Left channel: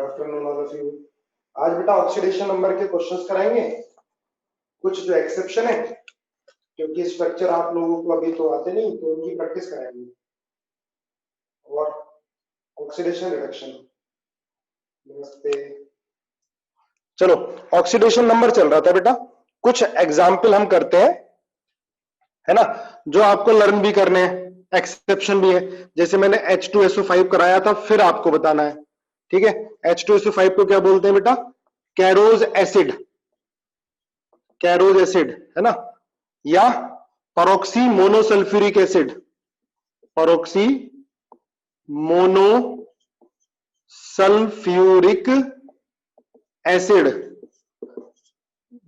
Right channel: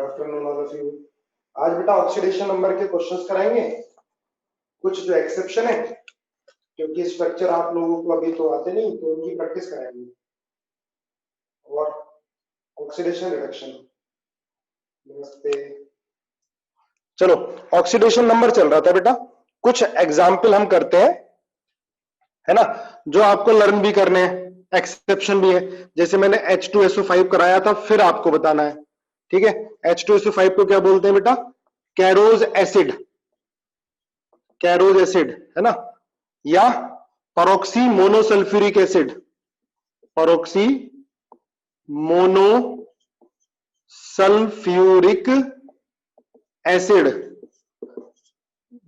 Good afternoon all of you. आज बेटा oxidation number के क्वेश्चंस कराएंगे, कुछ जो एक्सेप्शन है, क्योंकि स्ट्रक्चर आप लोगों को अभी तो आते नहीं, तो उनकी प्रैक्टिस कराएंगे। और ऑक्सीडेशन रिडक्शन, नमस्ते। चलो, ऑक्सीडेशन नंबर चल रहा था बेटा, कुछ एग्जाम्पल हम करते हैं, है ना, जो आपको लर्न भी करने हैं, एक्सेप्शन भी है। जैसे मैंने H2SO5 कराया था, फिर आपको बताना है, ठीक है। H2SO5 को क्या बोलते हैं बेटा? कैरोज एसिड, कैरोज एसिड, है ना, या परऑक्सी मोनोसल्फ्यूरिक एसिड, परऑक्सी मोनोसल्फ्यूरिक एसिड।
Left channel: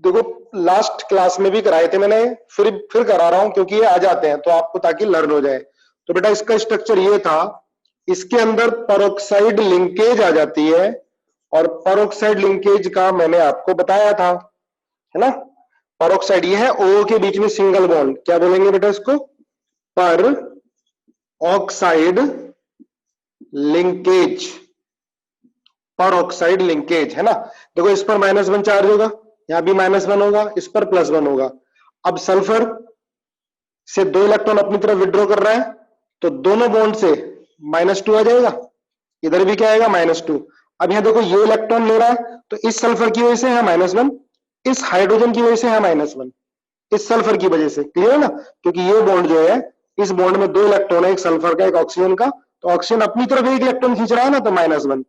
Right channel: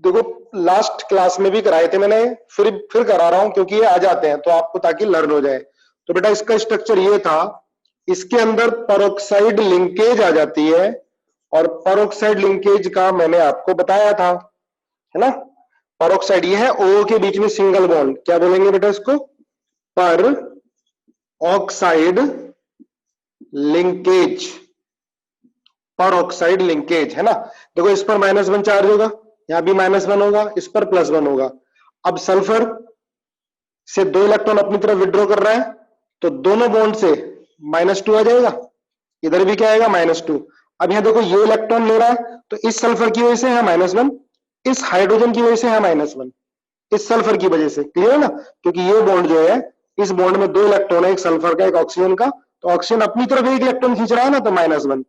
देखो लास्ट क्लास में भी कराए थे मैंने, फिर करा रहा हूं क्योंकि ये आ जाते हैं तो आपको, ताकि लर्न हो जाए। तो बेटा इसका स्ट्रक्चर ये था, इसके अंदर परऑक्साइड लिंकेज आ जाती है, और परऑक्साइड लिंकेज का मैंने आपको बताया था, है ना। परऑक्साइड ये है ओ के बीच में सिंगल बॉन्ड, क्या बोलेंगे बेटा इसको? पर ऑक्साइड लिंकेज, पर ऑक्साइड लिंकेज, है ना। देखो इस पर -1 चार्ज होगा, यहां भी -1 होगा, इस पर +1 होगा। अब सल्फर से 2 इलेक्ट्रॉन अपनी तरफ विड्रॉ कर रहा है, तो दोनों बॉन्ड से -2 आ जाएगा, इधर भी क्या आएगा? -2। अब यहां देखो ये इलेक्ट्रॉन ले रहा है, तो इस सल्फर की वजह से है -1, इस हाइड्रोजन की वजह से है -1, इस सल्फर की वजह से, क्लियर है ना। क्योंकि ये बॉन्ड जो है, इस बॉन्ड में 2 इलेक्ट्रॉन है, एक सल्फर का एक ऑक्सीजन का, तो ऑक्सीजन अपनी तरफ एक इलेक्ट्रॉन खींच रहा है ना, तो -1,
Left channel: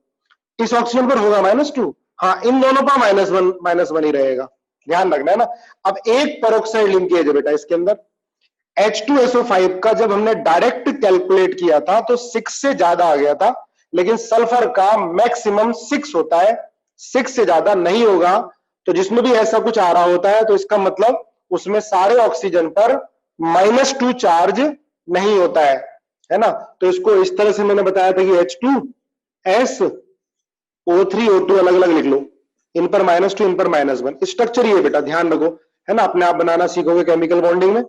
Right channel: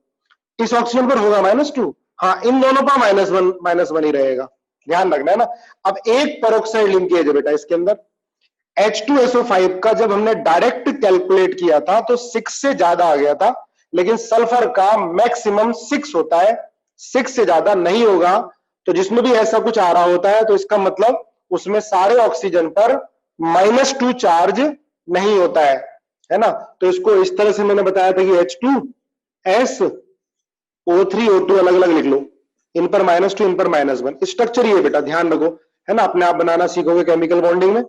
इस ऑक्सीजन पर होगा -2। हाँ, इन दोनों पर -1 ही रहेगा, ध्यान रखना है ना। अब एक पेरोक्साइड लिंकेज है बेटा इसके अंदर, H2SO5 का जब हमने डायरेक्ट कैलकुलेट किया था तो 6 से ज्यादा आ गया था, लेकिन सल्फर का मैक्सिमम 6 होता है, 6 से ज्यादा नहीं होगा। तो जिसमें भी ऐसा कुछ आ रहा होता है, तो इसका मतलब उसमें सारे ऑक्सीजन पर -2 चार्ज नहीं होता है ना। तो इसको इस तरह से मैंने बताया था कि H2SO3O2 अलग अलग लिख लो, इन पर -2, इन पर -1। स्ट्रक्चर ये बेटा ध्यान रखो, है ना, अपने आप बनाना सीखोगे केमिकल बॉन्डिंग में,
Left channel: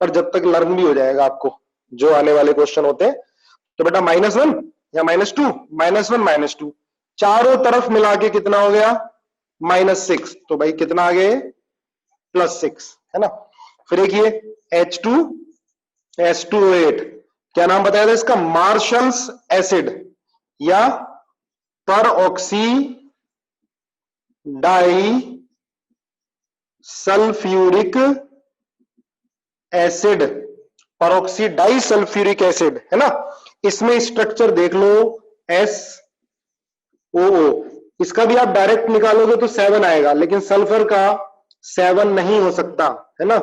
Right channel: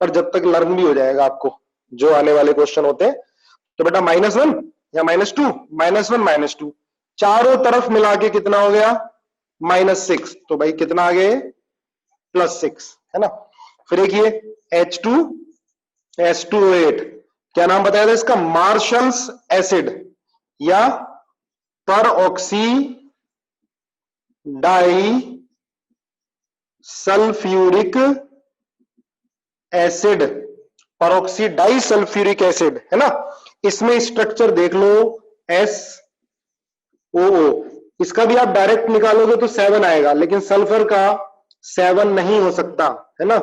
पर जब तक लर्न भी हो जाएगा आपको जो आने वाले क्वेश्चन होते हैं। तो बेटा -1 या -2, -1 -2, चारों तरफ मिला के कितना हो गया? -6। तो भाई कितना आ गया? +6, है ना। फिर एक ये H2S2O8, क्या नाम बताया था इसका? मार्शल्स एसिड या peroxy di sulphuric acid, peroxy di sulphuric acid, है ना। इसमें स्ट्रक्चर देख लो, SOO, इसका भी आप डायरेक्ट निकालोगे तो 7 आएगा, लेकिन सल्फर का 7 नहीं हो सकता, है ना,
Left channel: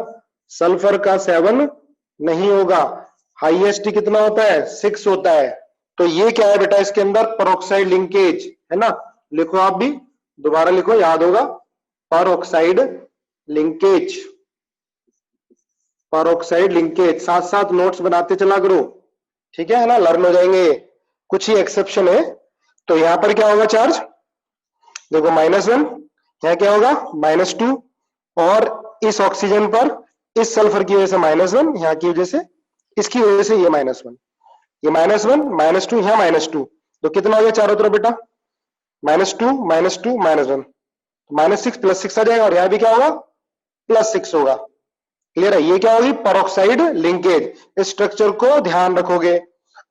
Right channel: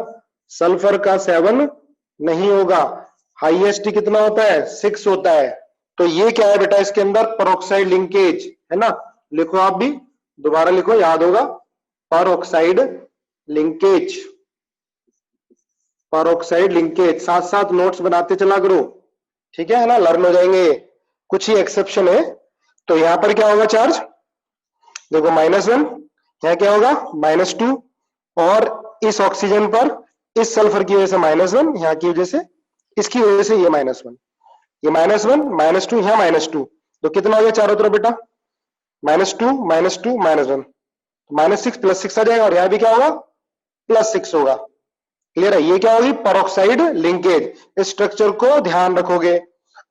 सल्फर का 7 नहीं होगा। हाईएस्ट कितना होता है? 6 होता है। तो ये क्या है बेटा इसके अंदर? परऑक्साइड लिंकेज, है ना। लिखो आप भी, दोबारा लिखो, याद होगा, परऑक्साइड लिंकेज, परऑक्साइड लिंकेज। साथ साथ नोट्स बनाते चला करो, ठीक है ना, लर्न हो जाएंगे। कुछ ही एक्सेप्शन है। तो यहां पर क्या होगा चार्ज? देखो -1, यहां क्या होगा? -2, और इस ऑक्सीजन पर इस सल्फर की वजह से -1, यहां की वजह से, इसकी वजह से ये -1, ये -1 -2, यहां -2, तो कितना हो गया चारों तरफ बेटा? -2 -2 -1, -6 +6 आ जाएगा, और यहां भी क्या होगा? +6 होगा। क्लियर है? ये क्या होगी? Peroxide linkage. इस स्ट्रक्चर को ध्यान रखोगे।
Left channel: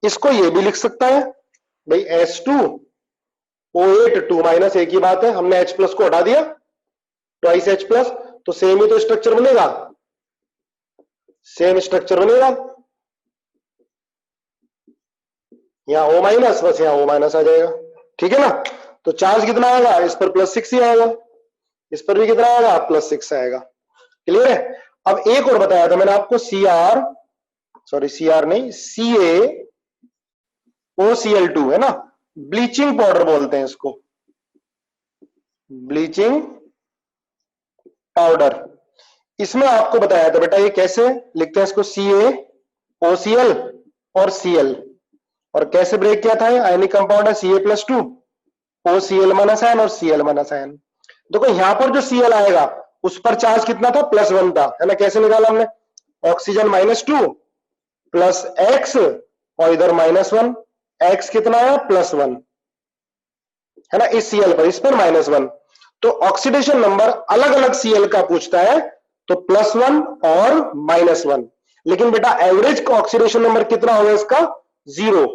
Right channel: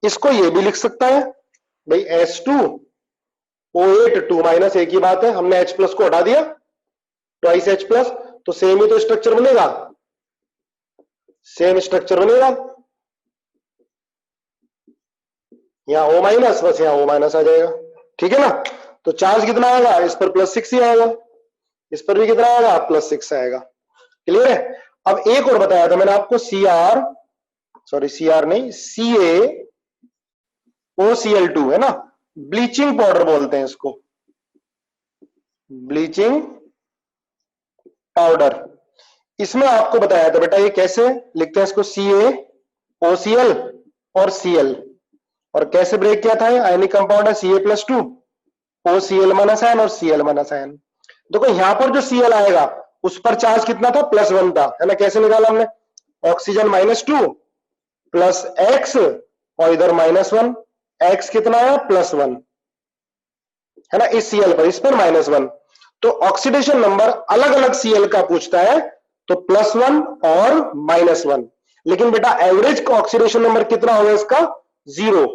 इसको ये भी लिख सकता है भाई, H2O8 2- एक ही बात है, हमने H+ को हटा दिया, ट्वाइस H+, तो सेम ही तो स्ट्रक्चर बनेगा, सेम स्ट्रक्चर बनेगा। यहां O-, बस यहां O- आ जाएगा, ठीक है ना। तो चार्ज कितना आएगा? इस पर +6 ही आएगा, इस पर भी कितना आएगा? +6 आएगा। क्लियर है? अब एक और बताया था मैंने आपको, CR नहीं, CaOCl2, है ना, ब्लीचिंग पाउडर बोलते हैं इसको, ब्लीचिंग पाउडर। इसमें आपको बताया था बेटा ये कैसे लिखते हैं इसको, CaOCl और Cl, और कैसे ब्रेक किया था? आयनिक कंपाउंड है Ca+2, OCl -, और Cl -। देखो यहां पर जो Cl आएगा उस पर चार्ज कितना था? +1 था, है ना। कैसे निकाला हमने? ऑक्सीजन -2 प्लस X, और इधर -1, X कितना है? +1, है ना, इस Cl पर, इस पर -1। तो ऑक्सीडेशन नंबर अलग अलग Cl का पूछता है तो +1 और -1। लेकिन बेटा एवरेज ऑक्सीडेशन नंबर कितना होगा इसका? 0।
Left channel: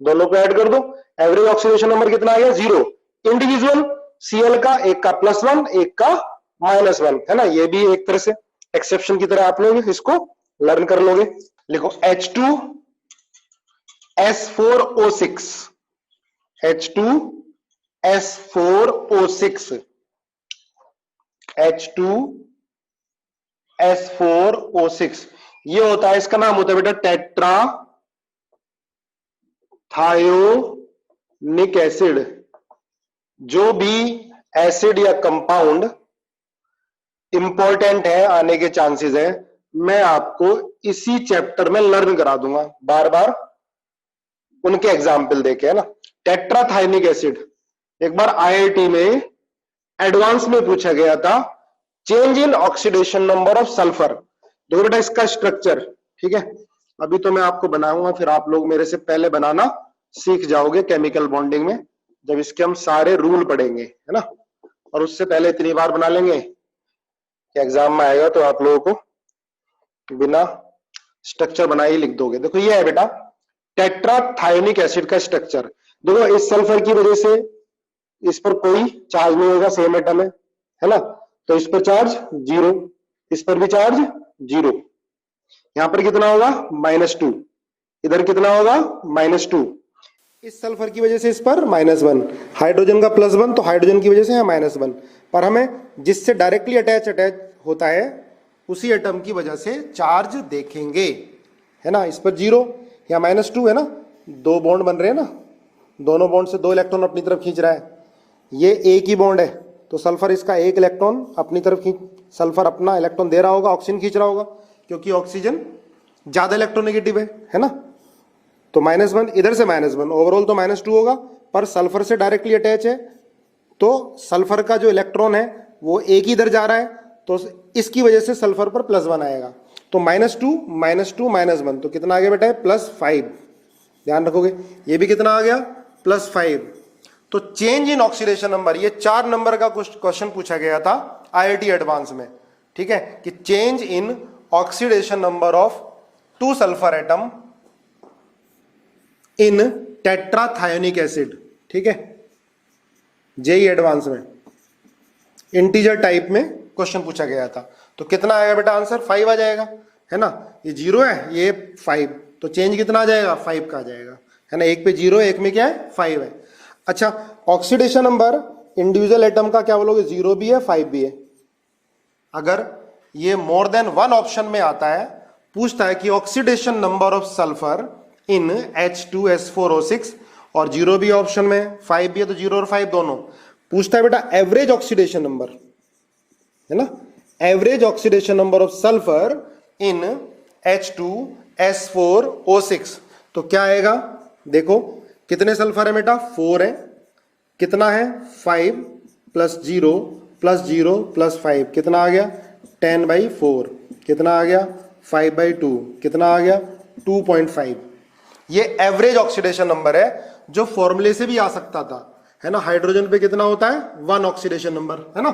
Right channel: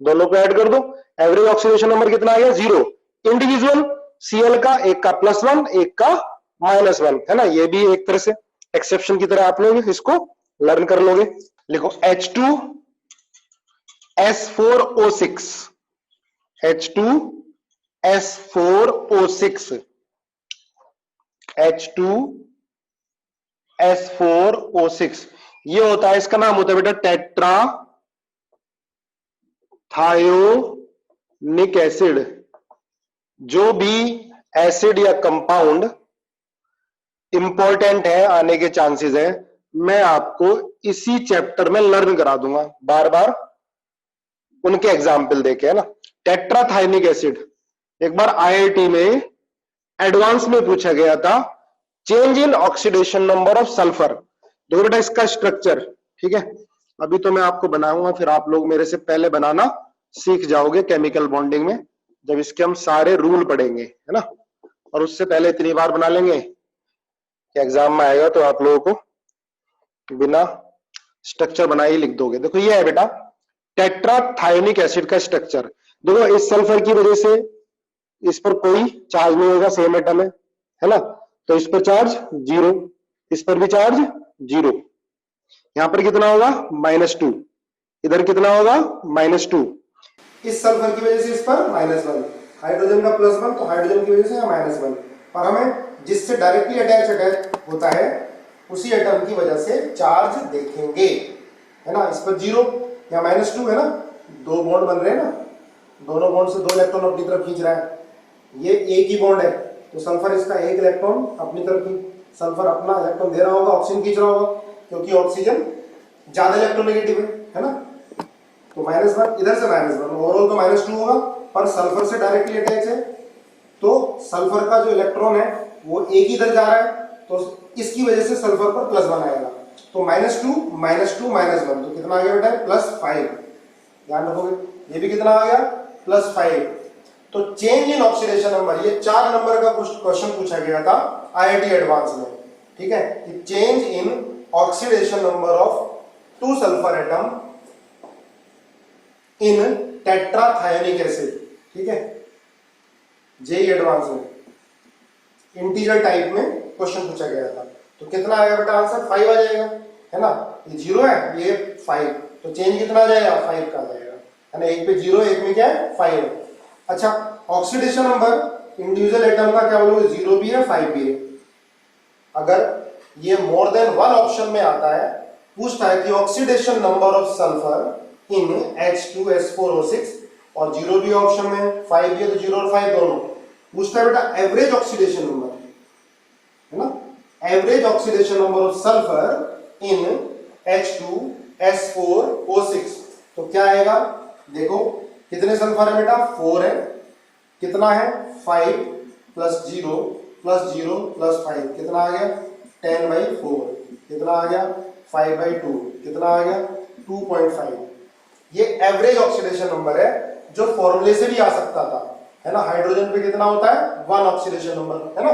दोनों को ऐड कर दो, एवरेज ऑक्सीडेशन नंबर कितना आ गया? 0। इंडिविजुअल Cl का एक का +1 एक का -1, है ना। ये भी एक तरह से एक्सेप्शन की तरह आप लोग इसको लर्न कर लोगे। लिखो H2S4O6, H2S4O6, H2S4O6, ये होता है, इसका नाम होता है बेटा टेट्रा थायोनिक एसिड। जो भी एसिड या कंपाउंड इंपॉर्टेंट है, आने के चांसेस है, मैं आपको इसी चैप्टर में लर्न करा दूंगा बार बार उनके एग्जाम्पल देके, है ना। टेट्राथायोनिक एसिड एक बार आईआईटी में एडवांस में पूछा गया था, change in oxidation number of sulphur. देखो बेटा इसका स्ट्रक्चर, ठीक है, अभी तो मैं आपको बनाऊंगा, फिर आप लोग मेरे से पहले बनाना सीख जाओगे केमिकल बॉन्डिंग में, जब इसके हम सारे रूल पढ़ेंगे, है ना। और उससे पहले इतनी बार बना लेंगे कि एग्जाम में आएगा तो आप लोगों को बिना स्ट्रक्चर बनाए ही लिख दोगे। देखो ये है बेटा टेट्राथायोनिक एसिड का स्ट्रक्चर। देखो इस सल्फर की वजह से इस पर कोई चार्ज नहीं होगा, सेम एटम है ना, तो इस पर चार्ज 0, इस पर भी चार्ज 0। यहां पर कितना होगा? -2। इधर कितना होगा? -2। इस सल्फर की वजह से इस पर -1, हाइड्रोजन का +1, तो हाइड्रोजन की वजह से यहाँ -1। पर हमें जिससे डायरेक्टली अटैच होता है उसी एटम की वजह से चार्ज देखेंगे, है ना। इस पर 0 या -2 है ना, दो बॉन्ड बन रहे हैं ना, दोनों बॉन्ड से 2 इलेक्ट्रॉन अपनी तरफ खींच रहा है। ये एक ही बॉन्ड है तो सल्फर इसका 1 इलेक्ट्रॉन अपनी तरफ सल्फर अपना इलेक्ट्रॉन दे रहा होगा, ऑक्सीजन खींच रहा होगा, क्योंकि ऑक्सीजन ज्यादा इलेक्ट्रोनेगेटिव है ना। तो -1 इधर से -1, ओवरऑल तो -2 होगा, पर सल्फर से डायरेक्टली अटैच है तो सल्फर का जो इलेक्ट्रॉन है वो एक ही इधर जा रहा है, तो इसकी वजह से सल्फर पर +1 आएगा। तो -2 -2 -1, तो कितना आ गया बेटा? +5। ध्यान रखोगे, ये भी कितना आ गया? +5। तो चेंज इन ऑक्सीडेशन नंबर, ये 4 नंबर का क्वेश्चन पूछा गया था आईआईटी एडवांस में, ठीक है, कि change in oxidation number of 2 sulphur atom in tetrathionic acid, ठीक है, जेई एडवांस में इंटीजर टाइप में क्वेश्चन पूछा गया था। तो कितना आएगा बेटा आंसर? 5 आ जाएगा, है ना। ये 0 है, ये 5, तो चेंज कितना आ जाएगा? 5 का आ जाएगा, है ना। एक पे 0, एक में क्या है? 5 है। अच्छा, ऑक्सीडेशन नंबर इंडिविजुअल एटम का क्या बोलोगे? 0 भी है, 5 भी है। अगर ये मोर देन 1 ऑप्शन में आता है, पूछता है कि oxidation number of sulphur in H2S4O6, और 0 भी ऑप्शन में, 5 भी है, तो 0 और 5 दोनों। पूछता है बेटा एवरेज ऑक्सीडेशन नंबर, है ना, average oxidation number of sulphur in H2S4O6। तो क्या आएगा? देखो कितने सल्फर है बेटा? 4 है। कितना है? 5 + 0 + 0 + 5, कितना आ गया? 10/4। कितना आ गया? 5/2। कितना आ गया? 2.5। ये एवरेज ऑक्सीडेशन नंबर है, जो फॉर्मूले से भी आ सकता था, है ना। हाइड्रोजन पे कितना होता है? 1 ऑक्सीडेशन नंबर, है ना।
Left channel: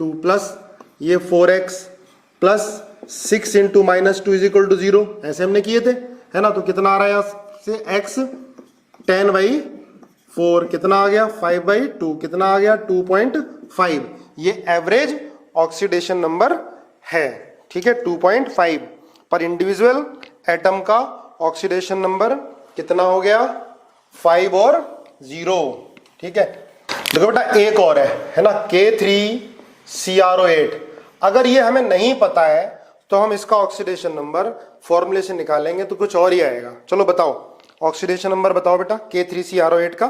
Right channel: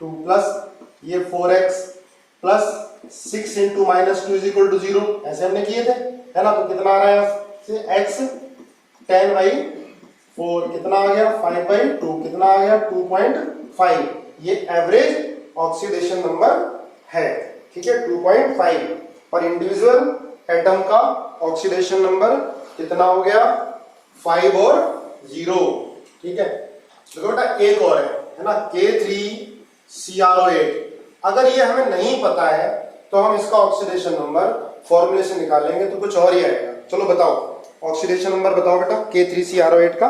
2 प्लस ये 4x प्लस 6 × -2 = 0, ऐसे हमने किए थे, है ना। तो कितना आ रहा है यहाँ से? x 10/4, कितना आ गया? 5/2, कितना आ गया? 2.5। ये एवरेज ऑक्सीडेशन नंबर है, ठीक है, 2.5। पर इंडिविजुअल एटम का ऑक्सीडेशन नंबर कितना हो गया? 5 और 0, ठीक है। देखो बेटा एक और है ना, K3CrO8। अगर ये हमें नहीं पता है तो हम इसका ऑक्सीडेशन नंबर फॉर्मूले से निकालेंगे तो कुछ और ही आएगा। चलो बताओ, ऑक्सीडेशन नंबर बताओ बेटा, K3CrO8 का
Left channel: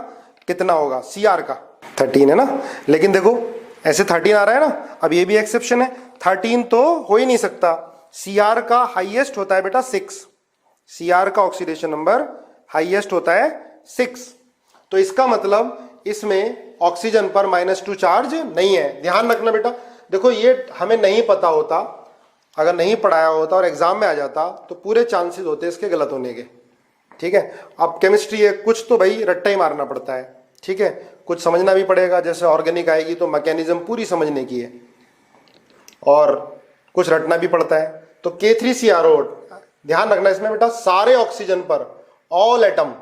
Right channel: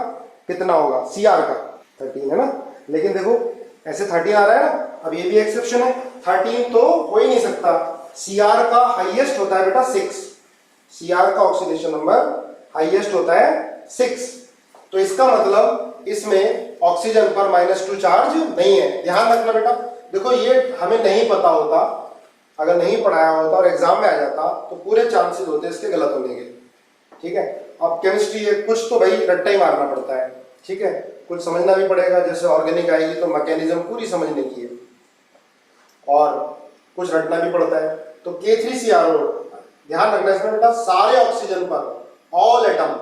कितना होगा? Cr का 13 है ना, लेकिन देखो ऐसे 13 आ रहा है ना। अब ये भी एक्सेप्शन है, 13 तो हो ही नहीं सकता। Cr का हाईएस्ट होता है बेटा 6, Cr का ऑक्सीडेशन नंबर हाईएस्ट होता है 6। तो इसका मतलब इसमें ऑक्सीजन पर -2 चार्ज नहीं है। ध्यान रखना बेटा, देखो ये हमें नहीं पता होता, अगर नहीं पढ़ाया होता और एग्जाम में आ जाता तो पूरे चांसेस होते इसके गलत होने के, ठीक है। अब केमिस्ट्री है, कुछ तो भाई रट्टा ही मारना पड़ता है, ठीक है। कुछ समझना भी पड़ेगा, जैसे ऑर्गेनिक आएगी तो मैकेनिज्म पूरी समझने की है और कुछ रटना भी पड़ता है। तो K3CRO, ध्यान रखना इसमें बेटा, सारे ऑक्सीजन पर, all atom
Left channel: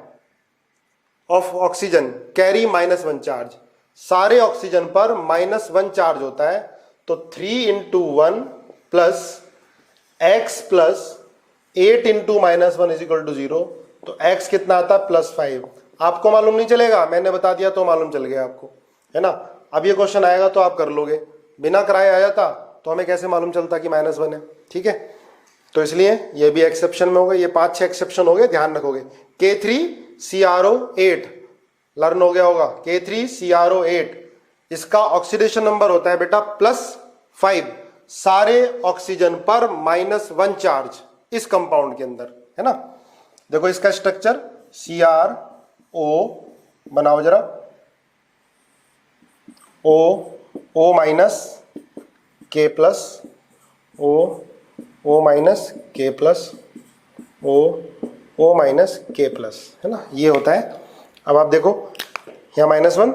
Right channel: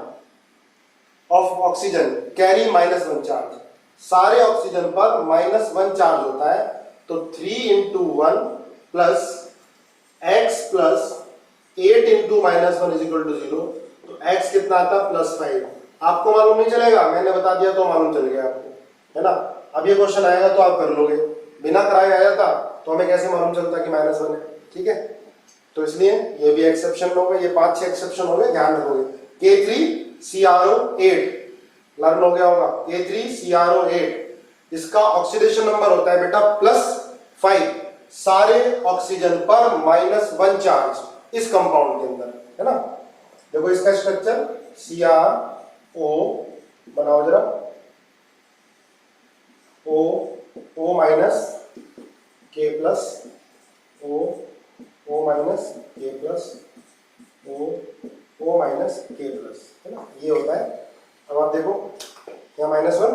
of oxygen carry -1 charge, सारे ऑक्सीजन पर -1 चार्ज होता है। तो 3 × 1 प्लस x प्लस 8 × -1 = 0। तो x कितना आता है +5। आपको मालूम नहीं चलेगा, मैंने बता दिया तो मालूम चल गया आपको, है ना। अब ये क्वेश्चन आएगा तो आप कर लोगे, बिना कराए आया था तो हमें कैसे मालूम चलता कि -1 है, ठीक है। तो इसलिए ये भी एक्सेप्शन में हो गए, ये 5-6 एक्सेप्शन हो गए, ध्यान रखोगे। K3CRO8 लर्न हो गया होगा, K3CRO8, इसका ऑक्सीडेशन नंबर होता है बेटा +5, सारे ऑक्सीजन पर -1 चार्ज इस कंपाउंड के अंदर, है ना। देखो इसका स्ट्रक्चर CRO बनाओ जरा, O minus K plus, O minus K plus, O minus K plus, है ना, ये होता है। अब आप देखो यहाँ -1,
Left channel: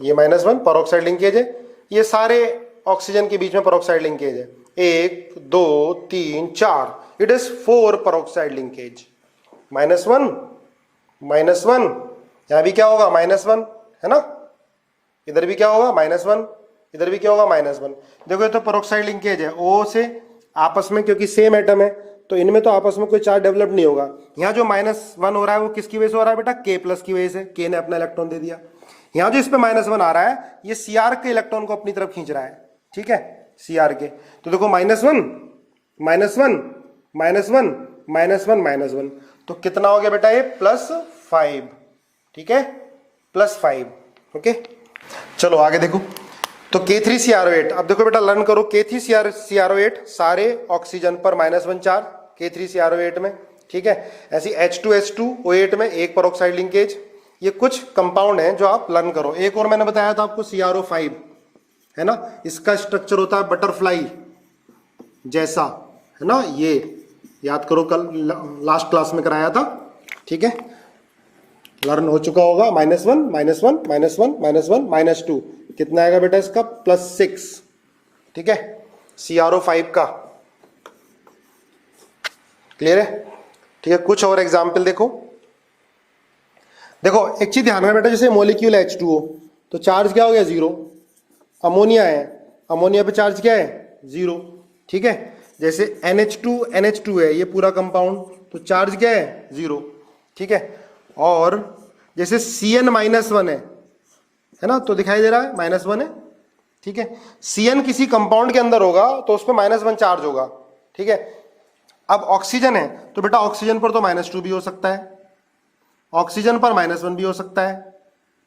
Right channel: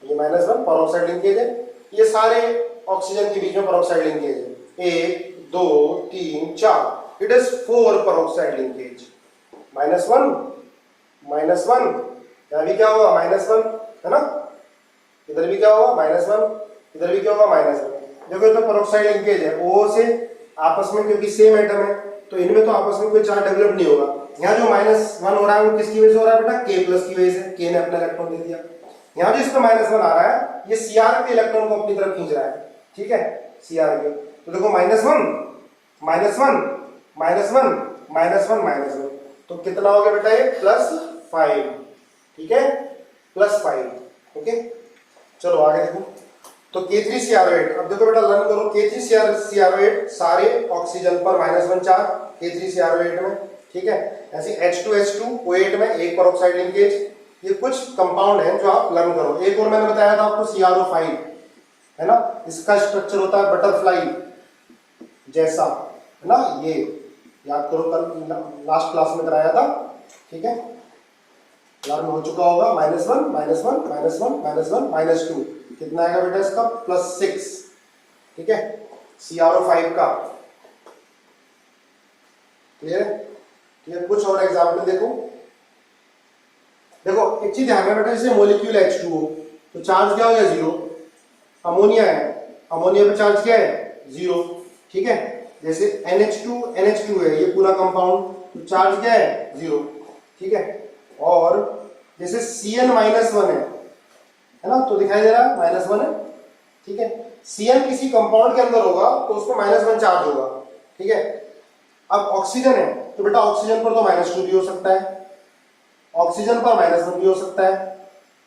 ये -1 परऑक्साइड लिंकेज है, ये सारे ऑक्सीजन के बीच में परऑक्साइड लिंकेज है, 1 2 3 4, इट इज 4 परऑक्साइड लिंकेज। -1, यहाँ भी क्या होगा -1, है ना, इधर भी क्या होगा -1, इधर भी क्या होगा -1। देखो ये तो परऑक्साइड लिंकेज है O से आपस में, क्योंकि सेम एटम है तो इनमें तो आपस में कोई चार्ज डेवलप नहीं होगा। यहाँ जो -1 हो रहा है वो किसकी वजह से हो रहा है बेटा, K प्लस की वजह से, K ने अपना इलेक्ट्रॉन दे दिया। यहाँ जो इस पे -1 आ रहा है ये Cr के इलेक्ट्रॉन को अपनी तरफ खींच रहा है, ठीक है, Cr के। तो देखो -1, तो कितना हो गया बेटा ये +5, ठीक है, +5, ओके। चलो आगे देखो, तो K3CRO8, अब देखो बेटा लर्न करो, K3CRO8 सारे ऑक्सीजन पर -1 चार्ज K3CRO8 में, ठीक है। ऐसी H2SO8 में एक परऑक्साइड लिंकेज। ये कुछ कंपाउंड है जो आप लर्न करो। एक और मैंने बताया था आपको CRO5, है ना, इसका स्ट्रक्चर होता है बटरफ्लाई जैसा, है ना, ये याद करो, कल लास्ट क्लास में कराया था, ठीक है, लर्न हो चुका होगा। -1, -2, कितना आएगा बेटा इसका +6, ठीक है, CRO5 का, क्लियर है, ठीक है। कुछ और एग्जाम्पल देखो, एक चीज ध्यान रखना बेटा, जैसे मोलिक्यूल H2O तो चार्ज क्या हो गया 0, अमोनिया है, अमोनिया पे चार्ज क्या है 0, ठीक है। जैसे NH2 है ये पूरा कंपाउंड, तो चार्ज क्या है 0, ठीक है। और जैसे CN-1 है ना, तो दिखाई दे रहा है -1 है, ठीक है। CN किसी कंपाउंड के अंदर होगा तो उस पर -1 चार्ज होगा, ठीक है। अब ऑक्सीजन है तो बेटा ऑक्सीजन पर तो -2 भी हो सकता है, ऑक्सीजन पर -1 भी हो सकता है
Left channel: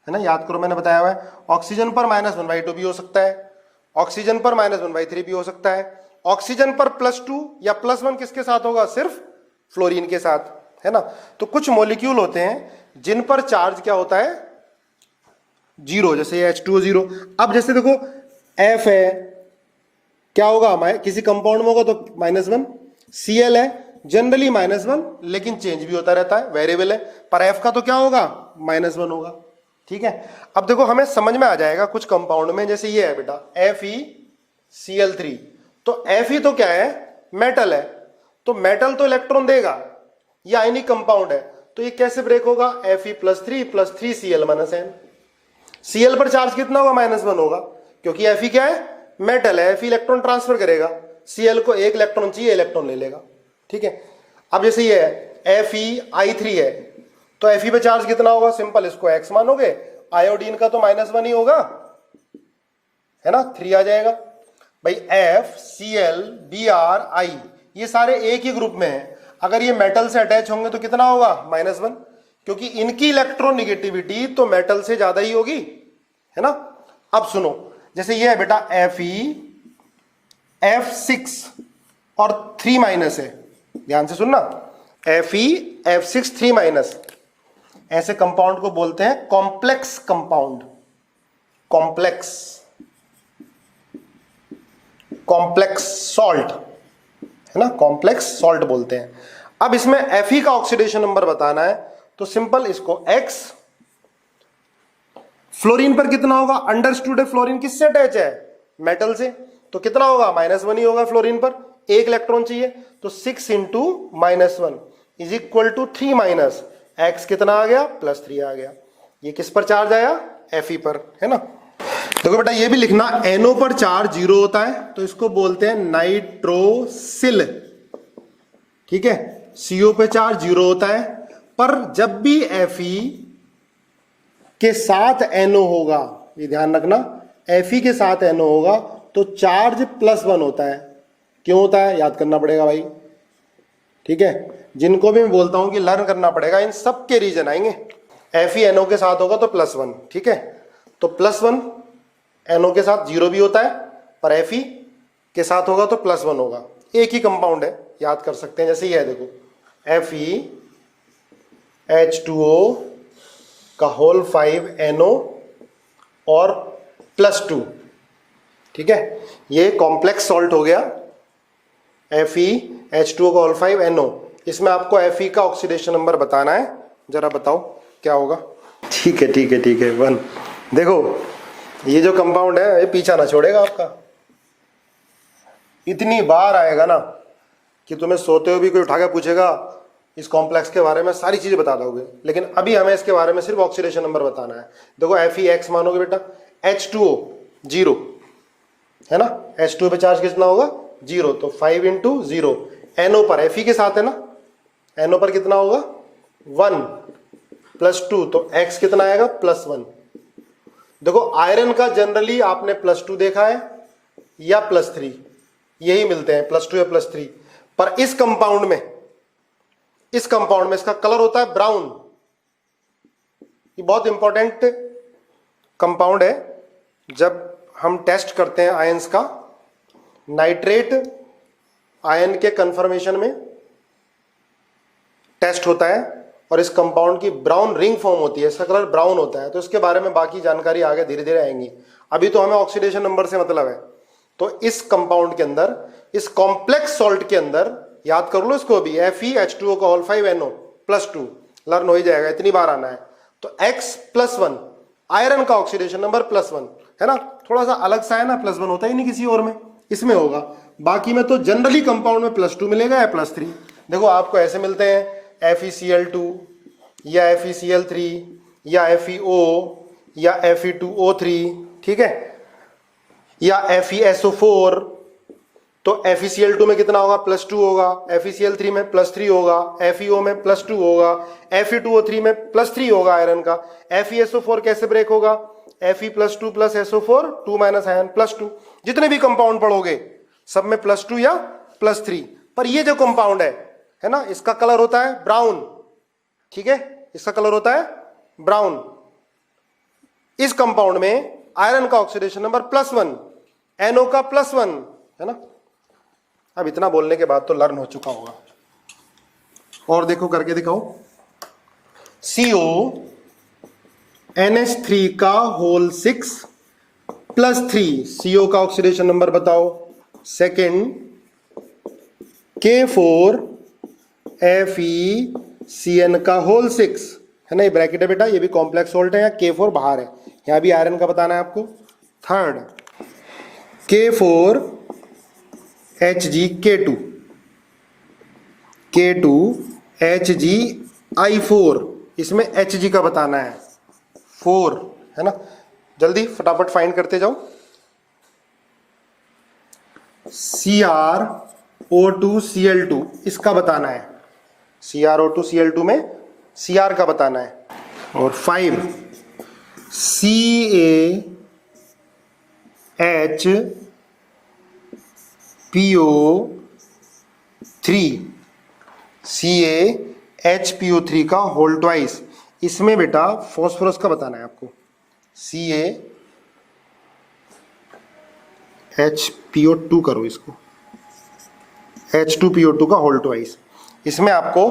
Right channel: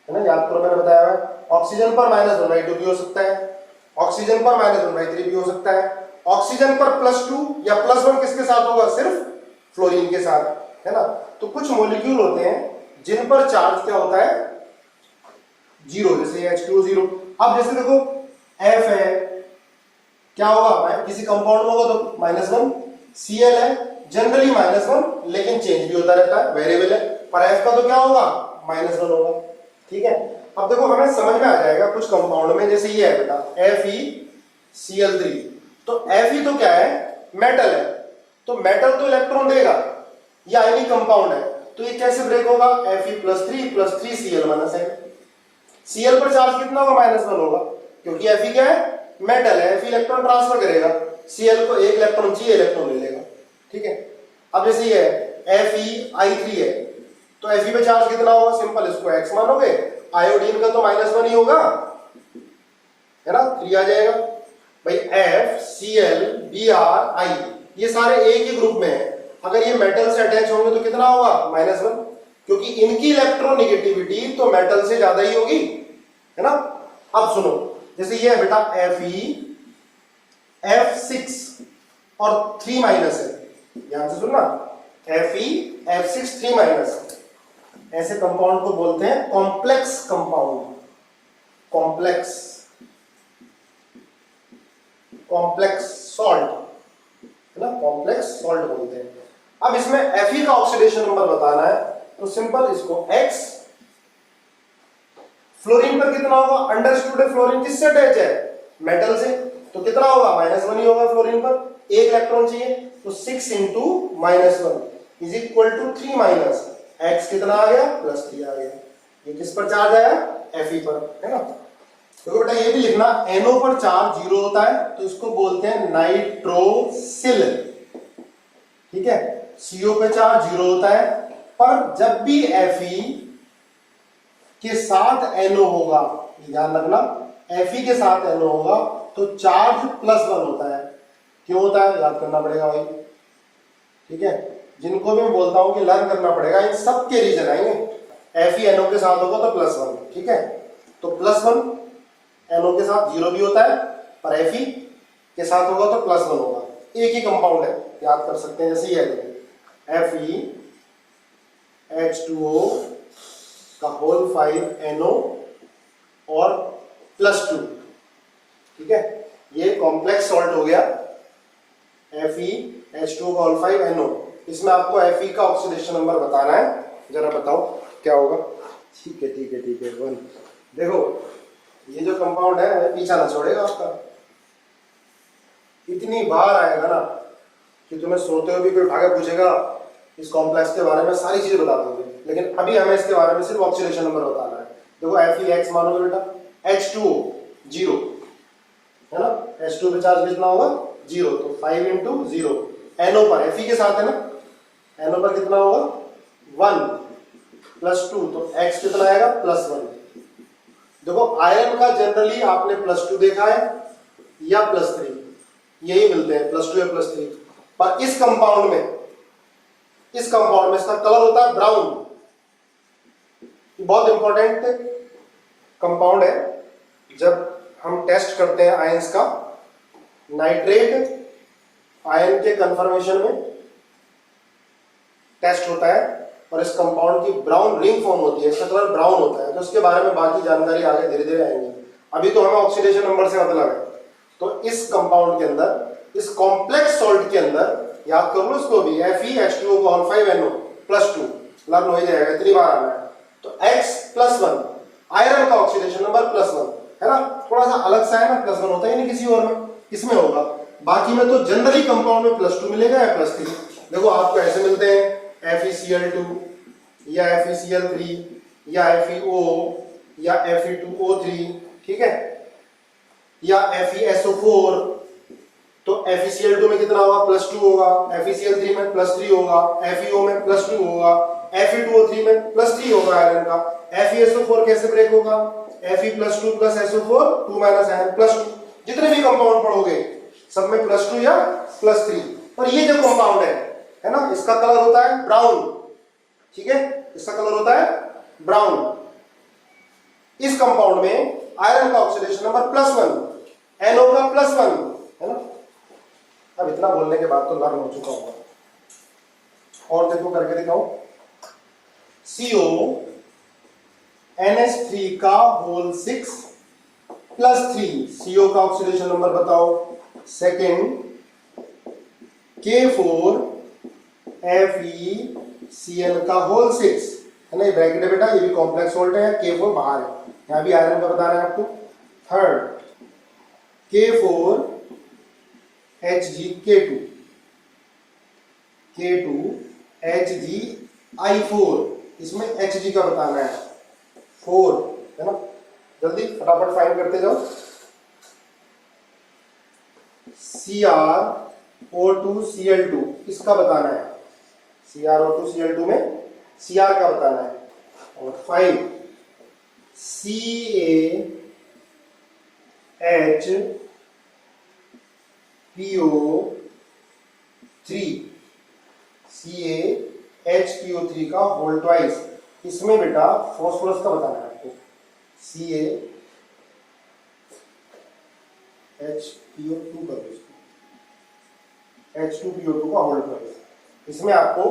ना, याद करो मैंने बताया हुआ है। ऑक्सीजन पर -1/2 भी हो सकता है, ऑक्सीजन पर -1/3 भी हो सकता है। ऑक्सीजन पर +2 या +1 किसके साथ होगा, सिर्फ फ्लोरीन के साथ, है ना। तो कुछ मॉलिक्यूल होते हैं जिन पर चार्ज क्या होता है 0, जैसे H2O 0। अब जैसे देखो F है, क्या होगा, किसी कंपाउंड में होगा तो -1, Cl है जनरली -1, लेकिन चेंज भी होता रहता है, वेरिएबल है, पर F का तो क्या होगा -1 होगा, ठीक है। अब देखो हमें समझ में आ जाएगा कुछ कंपाउंड में, जैसे ये है बेटा FeCl3, तो Fe तो क्या है, मेटल है, तो मेटल तो इलेक्ट्रॉन देगा, ये आयनिक कंपाउंड है, तो ये कैसे ब्रेक होगा, Fe+3 Cl-N। Cl पर चार्ज कितना होगा, -1 होगा, क्योंकि Fe क्या है, मेटल है, Fe इलेक्ट्रॉन ट्रांसफर करेगा, Cl को एक इलेक्ट्रॉन चाहिए, इलेक्ट्रॉन ले लेगा, ठीक है। अब जैसे ये है FeI3 है, तो Fe पे चार्ज कितना होगा, सिंपल, इसको x मानोगे, आयोडीन का तो -1 ही होगा, है ना, 3 आ जाएगा भाई। FCl, Br, I ये सारे एक ही ग्रुप में है, अगर ये मेटल से अटैच होंगे तो कितना होगा -1, क्योंकि इनकी इलेक्ट्रोनेगेटिविटी तो मेटल से ज्यादा ही होगी, है ना। अब सुनो, जैसे ये है बेटा Fe F6 और 3- है, ध्यान से सुनना, Fe F6 3-, ऐसे कंपाउंड को बोलते हैं कॉम्प्लेक्स कंपाउंड, कॉम्प्लेक्स सॉल्ट, है ना, कॉम्प्लेक्स सॉल्ट बोलते हैं। अब इसमें Fe का ऑक्सीडेशन नंबर बताना है, तो सिंपल, इसको X फ्लोरीन पर कितना होगा, अंडरस्टूड है फ्लोरीन किससे अटैच है, मेटल से, तो कितना होगा -1 ही होगा फ्लोरीन पर, एक इलेक्ट्रॉन चाहिए, तो 6 into -1 is equal to 3 minus x, कितना आ गया +3 आ गया। ये किस पर चार्ज आया, Fe पर, है ना। देखो बेटा ये भी लिखना, NO पर चार्ज 0 होता है तो इसको बोलते हैं नाइट्रोसिल, ठीक है। CO पे चार्ज 0 होता है, पर जब भी Fe के साथ NO होगा, ये ध्यान रखना, Fe के साथ NO होगा तो चार्ज +1 होता है। क्यों होता है, याद करना पड़ेगा भाई, ठीक है। जिनको भी मैं बोलता हूं कि लर्न करना पड़ेगा, इन सब के रीजन आएंगे। Fe NO के साथ होगा तो +1, ठीक है। तो +1 NO के साथ 0 भी होता है, पर Fe के साथ होगा तो +1 होगा। एक ही कंपाउंड है, याद कर सकते हैं, जैसे ये है देखो, FeH2O का होल 5 NO और +2, ठीक है। ये कॉम्प्लेक्स सॉल्ट हो गया, FeH2O का होल 5 NO। इसमें आपको Fe का ऑक्सीडेशन नंबर बताना है, जरा बताओ क्या होगा। ठीक है ठीक है ठीक है, 1। देखो ये जो कंपाउंड है ये पीछा ना छोड़ेगा आपका, इतनी बार आएगा ना कि तुम्हें सोते हुए भी कोई उठा के पूछेगा इस कॉम्प्लेक्स के बारे में, सारी चीजें बता दोगे, लेकिन अभी हमें इसके बारे में सिर्फ ऑक्सीडेशन नंबर बताना है। देखो FeX मानोगे बेटा, H2O 0 है ना, H2O पे चार्ज कितना होगा 0, तो 5 इंटू 0, NO पर Fe के साथ है ना, NO पर कितना होगा 1 +2, तो X कितना आएगा +1। देखो आयरन का जनरली आपने +2 देखा है या +3, यही मिलते हैं +2 या +3, पर इस कंपाउंड में इसका कलर होता है ब्राउन। ये बहुत इंपॉर्टेंट कंपाउंड है, जब हम टेस्ट करते हैं आयंस का, नाइट्रेट आयन के कंफर्मेशन में टेस्ट होता है और इस कंपाउंड की ब्राउन रिंग फॉर्म होती है, इसका कलर ब्राउन होता है। तो इसके बारे में बाकी जानकारी आगे धीरे धीरे आएंगी, अभी तो हमें ऑक्सीडेशन नंबर से मतलब है। तो इस कंपाउंड के अंदर, इस कॉम्प्लेक्स सॉल्ट के अंदर, याद कर लो इसको भी, FeH2O का होल 5 NO +2, लर्न हो ही जाएगा, इतनी बार आना है। तो X +1 आयरन का ऑक्सीडेशन नंबर +1 है ना, थोड़ा सा अलग सा है ना, +1 होता ही नहीं किसी और में, इसमें होगा। बाकी में तो जनरली कंपाउंड में +2 मिलेगा या +3। देखो आपको ऐसे मिलते हैं FeCl2 या FeCl3 या FeO या Fe2O3, ठीक है, या FeSO4। तो FeCl2 में कितना होगा +2 होगा, FeCl3 में +3 होगा, FeO में +2 होगा, Fe2O3 में +3 होगा आयरन का। FeSO4 कैसे ब्रेक होगा, Fe +2 + SO4 2 - आयरन +2। जितने भी कंपाउंड पढ़ोगे सब में +2 या +3, पर ये जो कंपाउंड है ना, इसका कलर होता है ब्राउन, ठीक है, इसका कलर होता है ब्राउन। इस कंपाउंड में आयरन का ऑक्सीडेशन नंबर +1, NO का +1 है ना। अब इतना बोलने के बाद तो लर्न हो चुका होगा, और देखो करके दिखाओ, CO NH3 का होल 6 +3, CO का ऑक्सीडेशन नंबर बताओ। सेकेंड K4 FeCN का होल 6 है ना, ये ब्रैकेट है बेटा, ये भी कॉम्प्लेक्स सोल्ट है, K4 बाहर है, यहां भी आयरन का बताना है आपको। थर्ड K4 HgK2 HgI4, इसमें Hg का बताना है 4 है ना, जल्दी फटाफट फाइंड करते जाओ। CrO2Cl2 इसका बताना है, CrO2Cl2 में Cr का बताना है। और 5 CaHPO3 का होल ट्वाइस, इसमें बेटा फॉस्फोरस का बताना है आपको, CaHPO2 करो इसको, H2PO2 का होल ट्वाइस, इसमें आपको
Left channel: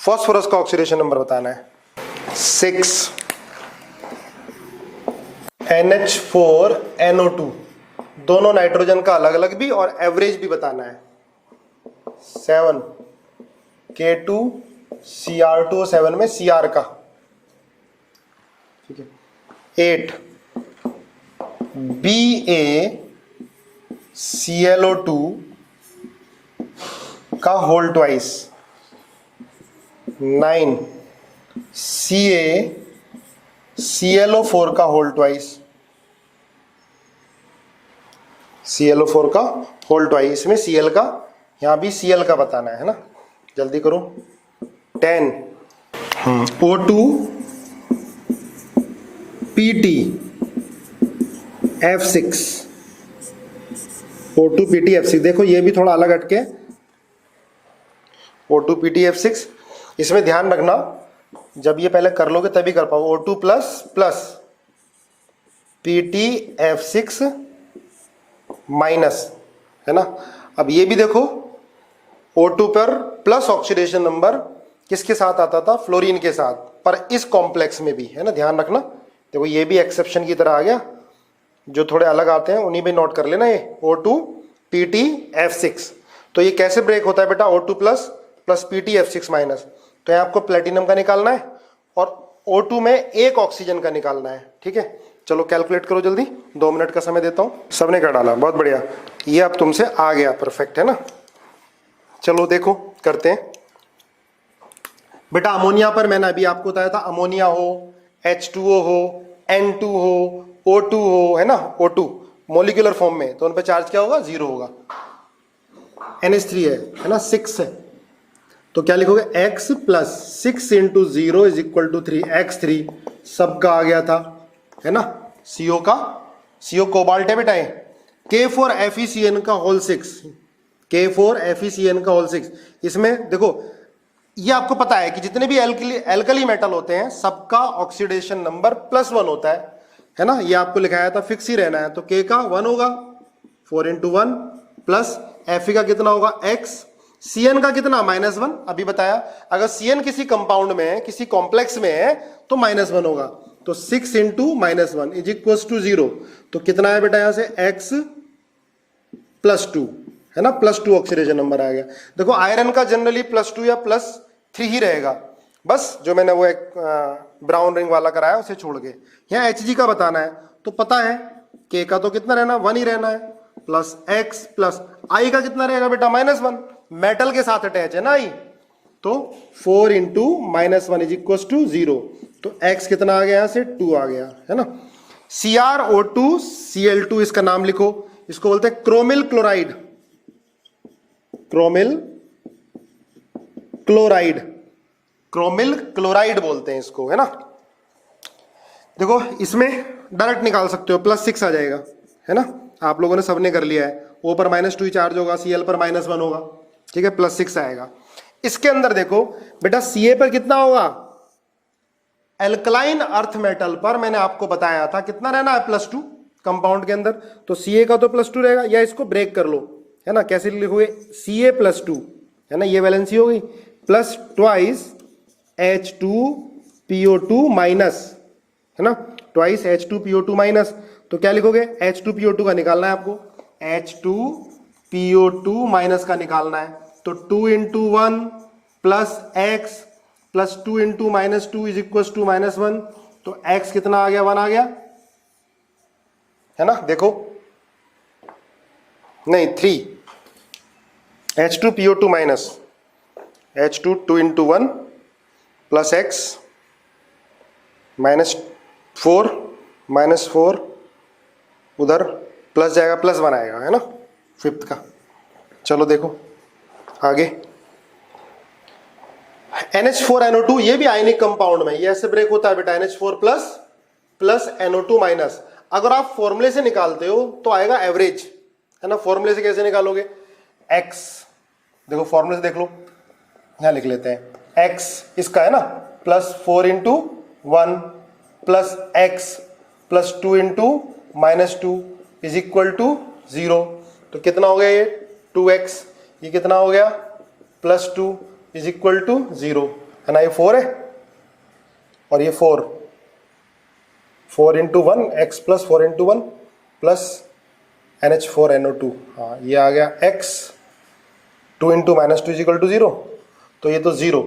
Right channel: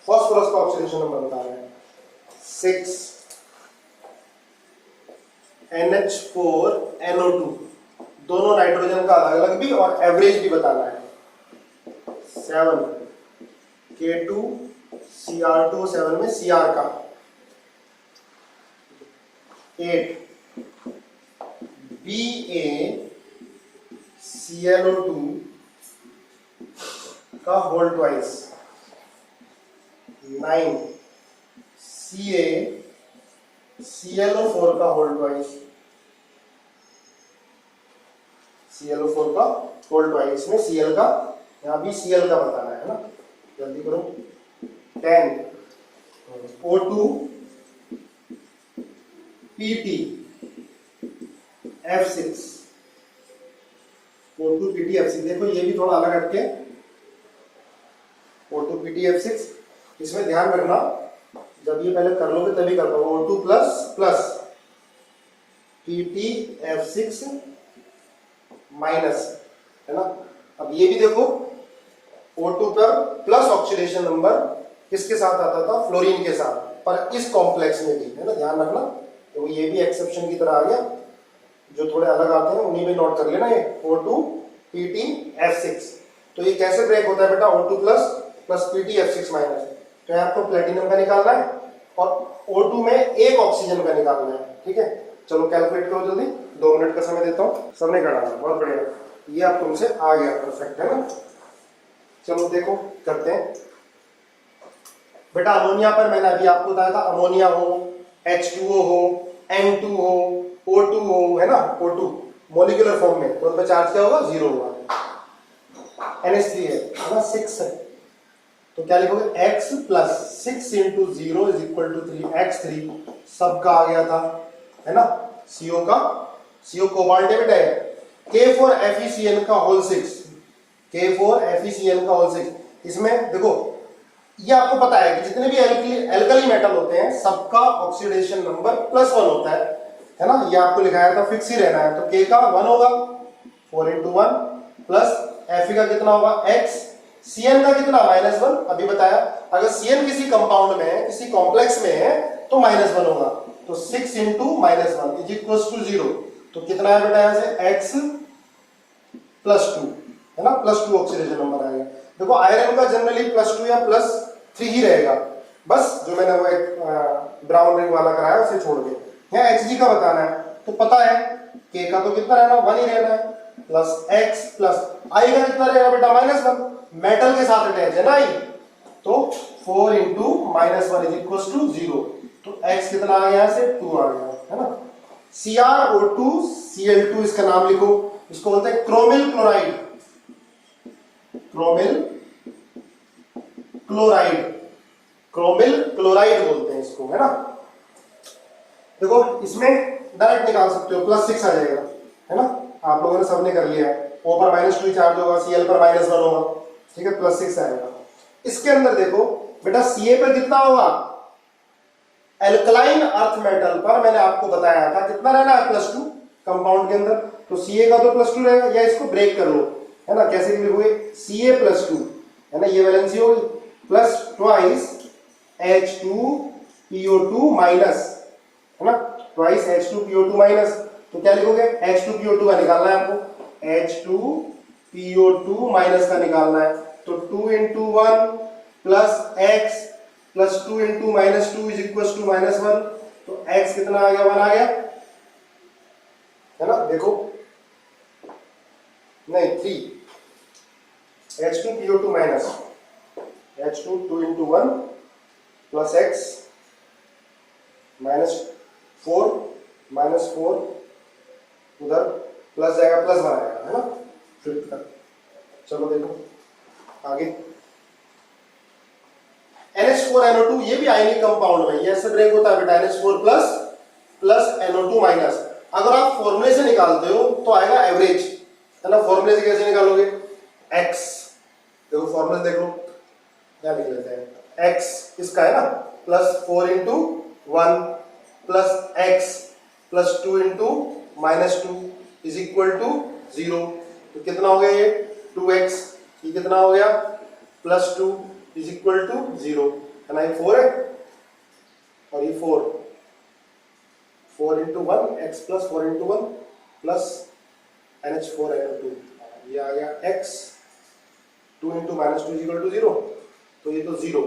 फॉस्फोरस का ऑक्सीडेशन नंबर बताना है। 6 NH4NO2, दोनों नाइट्रोजन का अलग अलग भी और एवरेज भी बताना है। 7 K2Cr2O7 में Cr का, ठीक है। 8 BaClO2 का होल ट्वाइस, 9 CaClO4 का होल ट्वाइस, ClO4 का होल ट्वाइस। इसमें Cl का, यहां भी Cl का बताना है ना, जल्दी करो। 10 O2 PT F6, O2 PT F6। देखो ये भी थोड़ा अलग हटके, O2 PT F6। इसमें ध्यान रखना, जब ये पहले कर लोगे तभी कर पाओ। O2 plus plus PT F6 minus, है ना। अब ये भी देखो, O2 पर प्लस ऑक्सीडेशन नंबर किसके साथ आता था, फ्लोरीन के साथ, पर इस कॉम्प्लेक्स में भी, है ना, ध्यान रखना। देखो ये भी एक्सेप्शन की तरह आ गया, जो थोड़े अलग आते हैं उन्हीं में नोट कर लेना। ये O2 PT F6, तो ये कैसे ब्रेक होता है बेटा, O2 plus plus PT F6 minus. तो ये आपको प्लेटिनम का निकालना है और O2 में एक ऑक्सीजन का निकालना है, ठीक है। चलो कैलकुलेट करो जल्दी, 2 मिनट का समय देता हूं। सबने कर डाला, बहुत बढ़िया, ये अब तुमसे आ गया, परफेक्ट है ना। चलो देखो करते हैं बेटा। अमोनिया पर मैंने अभी आपको बताया था, अमोनिया हो, H2O हो, N2 हो, O2 हो, है ना, O2 मोलिकुलर फॉर्म में, तो उन पर चार्ज क्या होगा, 0 होगा। NH3 है ना, 6 है, तो क्या लिखोगे, X plus 6 into 0 is equal to 3, X3 सबका आ गया था, है ना। CO का, CO कोबाल्ट है बेटा, K4FeCN का होल 6, K4FeCN का होल 6। इसमें देखो, ये आपको पता है कि जितने भी एल्कली मेटल होते हैं सबका ऑक्सीडेशन नंबर +1 होता है ना। ये आपको लिखाया था, फिक्स ही रहना है। तो K का 1 होगा, 4 इंटू 1 प्लस Fe का कितना होगा, X, Cn का कितना, -1, अभी बताया। अगर Cn किसी कंपाउंड में है, किसी कॉम्प्लेक्स में है, तो -1 होगा। तो 6 इंटू -1 इज इक्वल टू 0। तो कितना है बेटा, यहां से X +2, है ना, +2 ऑक्सीडेशन नंबर आ गया। देखो आयरन का जनरली +2 या +3 ही रहेगा, बस जो मैंने वो एक ब्राउन रिंग वाला कराया उसे छोड़ के। यहाँ Hg का बताना है, तो पता है K का तो कितना रहना, 1 ही रहना है, प्लस X प्लस I का कितना रहेगा बेटा, -1, मेटल के साथ अटैच है ना I, तो 4 इंटू -1 इज इक्वल टू 0। तो X कितना आ गया, से 2 आ गया, है ना। CrO2 Cl2, इसका नाम लिखो, इसको बोलते हैं chromyl chloride, chromyl chloride, chromyl chloride बोलते हैं इसको, है ना। देखो इसमें डायरेक्ट निकाल सकते हो, +6 आ जाएगा, है ना। आप लोगों ने सबने कर लिया है। O पर -2 चार्ज होगा, Cl पर -1 होगा, ठीक है, +6 आएगा। इसके अंदर देखो बेटा, Ca पर कितना होगा, एल्कलाइन अर्थ मेटल पर मैंने आपको बताया था कितना रहना है, +2 कंपाउंड के अंदर, तो Ca का तो +2 रहेगा। या इसको ब्रेक कर लो, है ना, कैसे लिखोगे, Ca +2, है ना, ये वैलेंसी होगी, प्लस ट्वाइस H2PO2 माइनस, है ना, ट्वाइस H2PO2 माइनस। तो क्या लिखोगे, H2PO2 का निकालना है आपको, H2PO2 माइनस का निकालना है। तो 2 into 1 plus X plus 2 into -2 is equal to -1। तो X कितना आ गया, 1 आ गया, है ना। देखो नहीं 3, H2PO2 minus H2 2 into 1 plus X -4 उधर प्लस जाएगा, +1 आएगा, है ना, 5th का। चलो देखो आगे, NH4NO2, ये भी आयनिक कंपाउंड में, ये ऐसे ब्रेक होता है बेटा, NH4 प्लस NO2 माइनस। अगर आप फॉर्मूले से निकालते हो तो आएगा एवरेज, है ना। फॉर्मूले से कैसे निकालोगे, X, देखो फॉर्मूले से देख लो, यहां लिख लेते हैं, X इसका है ना, +4 into 1 plus X plus 2 into -2 is equal to 0। तो कितना हो गया, ये 2X, ये कितना हो गया, +2 इज इक्वल टू 0, है ना। ये 4 है और ये 4 into 1 X plus 4 into 1 plus NH4NO2, हाँ ये आ गया X, 2 into -2 is equal to 0, तो ये तो 0,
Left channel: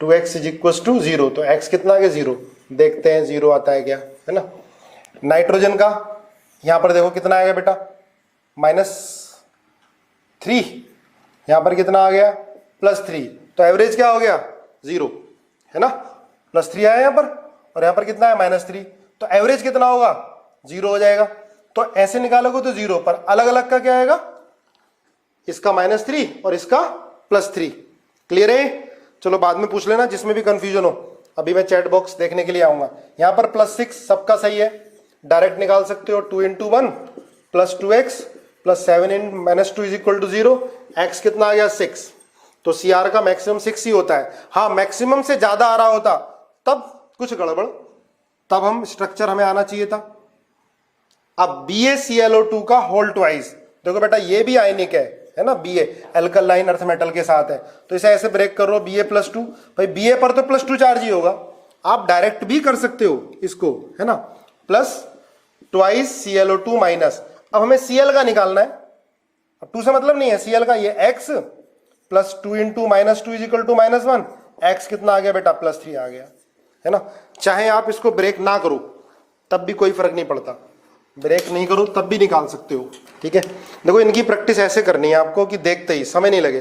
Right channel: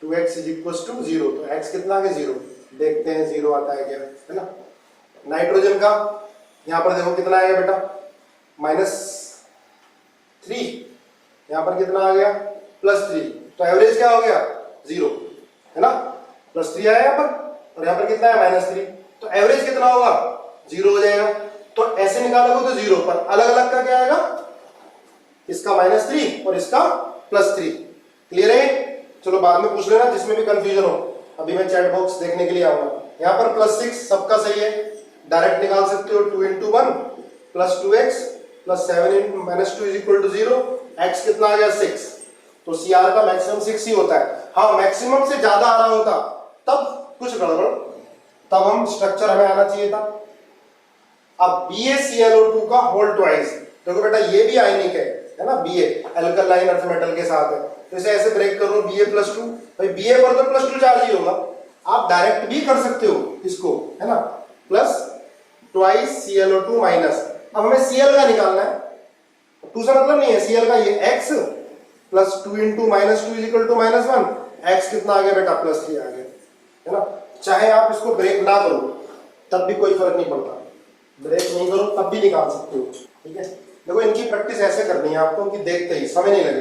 2X इज इक्वल टू 0। तो X कितना आ गया, 0, देखते हैं 0 आता है क्या, है ना। नाइट्रोजन का यहां पर देखो कितना आएगा बेटा, -3, यहां पर कितना आ गया, +3, तो एवरेज क्या हो गया 0, है ना, +3 आया यहां पर, और यहां पर कितना है -3, तो एवरेज कितना होगा 0 हो जाएगा। तो ऐसे निकालोगे तो 0, पर अलग अलग का क्या आएगा, इसका -3 और इसका +3। क्लियर है? चलो बाद में पूछ लेना जिसमें भी कंफ्यूजन हो, अभी मैं चैट बॉक्स देखने के लिए आऊंगा। यहां पर +6 सबका सही है, डायरेक्ट निकाल सकते हो, 2 × 1 + 2x + 7 × -2 = 0, x कितना आ गया 6, तो CR का मैक्सिमम 6 ही होता है। हाँ मैक्सिमम से ज्यादा आ रहा होता तब कुछ गड़बड़, तब हम स्ट्रक्चर हमें आना चाहिए था। अब BaClO2 का होल ट्वाइस, देखो बेटा ये भी आयनिक है ना, Ba अल्कलाइन अर्थ मेटल के साथ है, तो इसे ऐसे ब्रेक कर लो, Ba +2, भाई Ba पर तो +2 चार्ज ही होगा, आप डायरेक्ट भी कर सकते हो इसको, है ना, +2 ClO2 माइनस। अब हमें Cl का निकालना है, अब 2 से मतलब नहीं है, Cl का ये x +2 × -2 = -1, x कितना आ गया बेटा +3 आ गया, है ना। चाहे आप इसको ब्रेक ना करो तब भी कोई फर्क नहीं पड़ता, ब्रेक नहीं करो तब भी निकाल सकते हो, ठीक है। देखो इनकी प्रैक्टिस ऐसे करनी है आपको कि देखते ही समय नहीं लगे,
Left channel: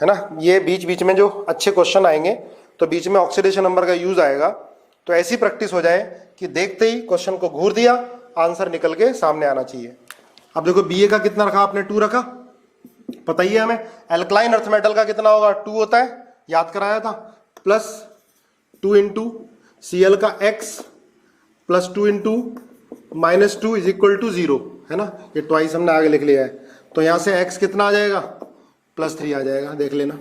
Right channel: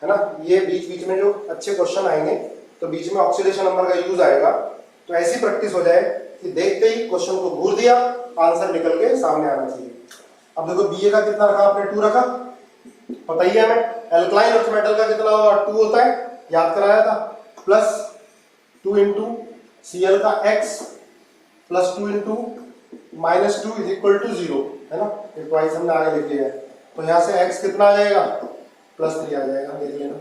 है ना। ये बीच बीच में जो अच्छे क्वेश्चन आएंगे तो बीच में ऑक्सीडेशन नंबर का यूज आएगा, तो ऐसी प्रैक्टिस हो जाए कि देखते ही क्वेश्चन को घूर दिया, आंसर निकल के सामने आना चाहिए। अब देखो Ba का कितना रखा आपने, 2 रखा, पता ही है हमें एल्कलाइन अर्थ मेटल का कितना होगा 2 होता है, याद कराया था, +2 × Cl का x +2 × -2 = 0, है ना, ये ट्वाइस हमने आगे लिख लिया है, तो यहां से x कितना आ जाएगा +3 आ जाएगा, देख लेना,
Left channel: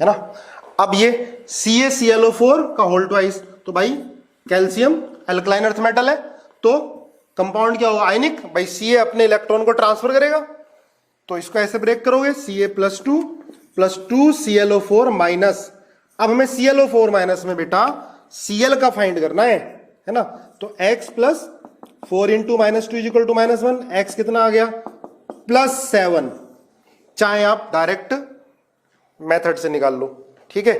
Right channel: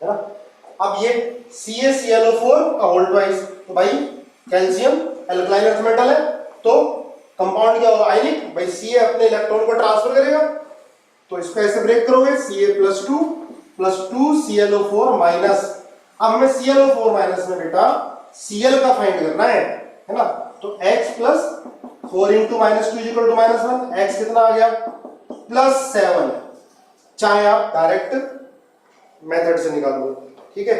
है ना। अब ये CaClO4 का होल ट्वाइस, तो भाई कैल्शियम अल्कलाइन अर्थ मेटल है, तो कंपाउंड क्या होगा आयनिक, भाई Ca अपने इलेक्ट्रॉन को ट्रांसफर करेगा, तो इसको ऐसे ब्रेक करोगे, Ca +2 +2 ClO4 माइनस। अब हमें ClO4 माइनस में बेटा Cl का फाइंड करना है ना, तो x + 4 × -2 = -1, x कितना आ गया +7, चाहे आप डायरेक्ट मेथड से निकाल लो, ठीक है।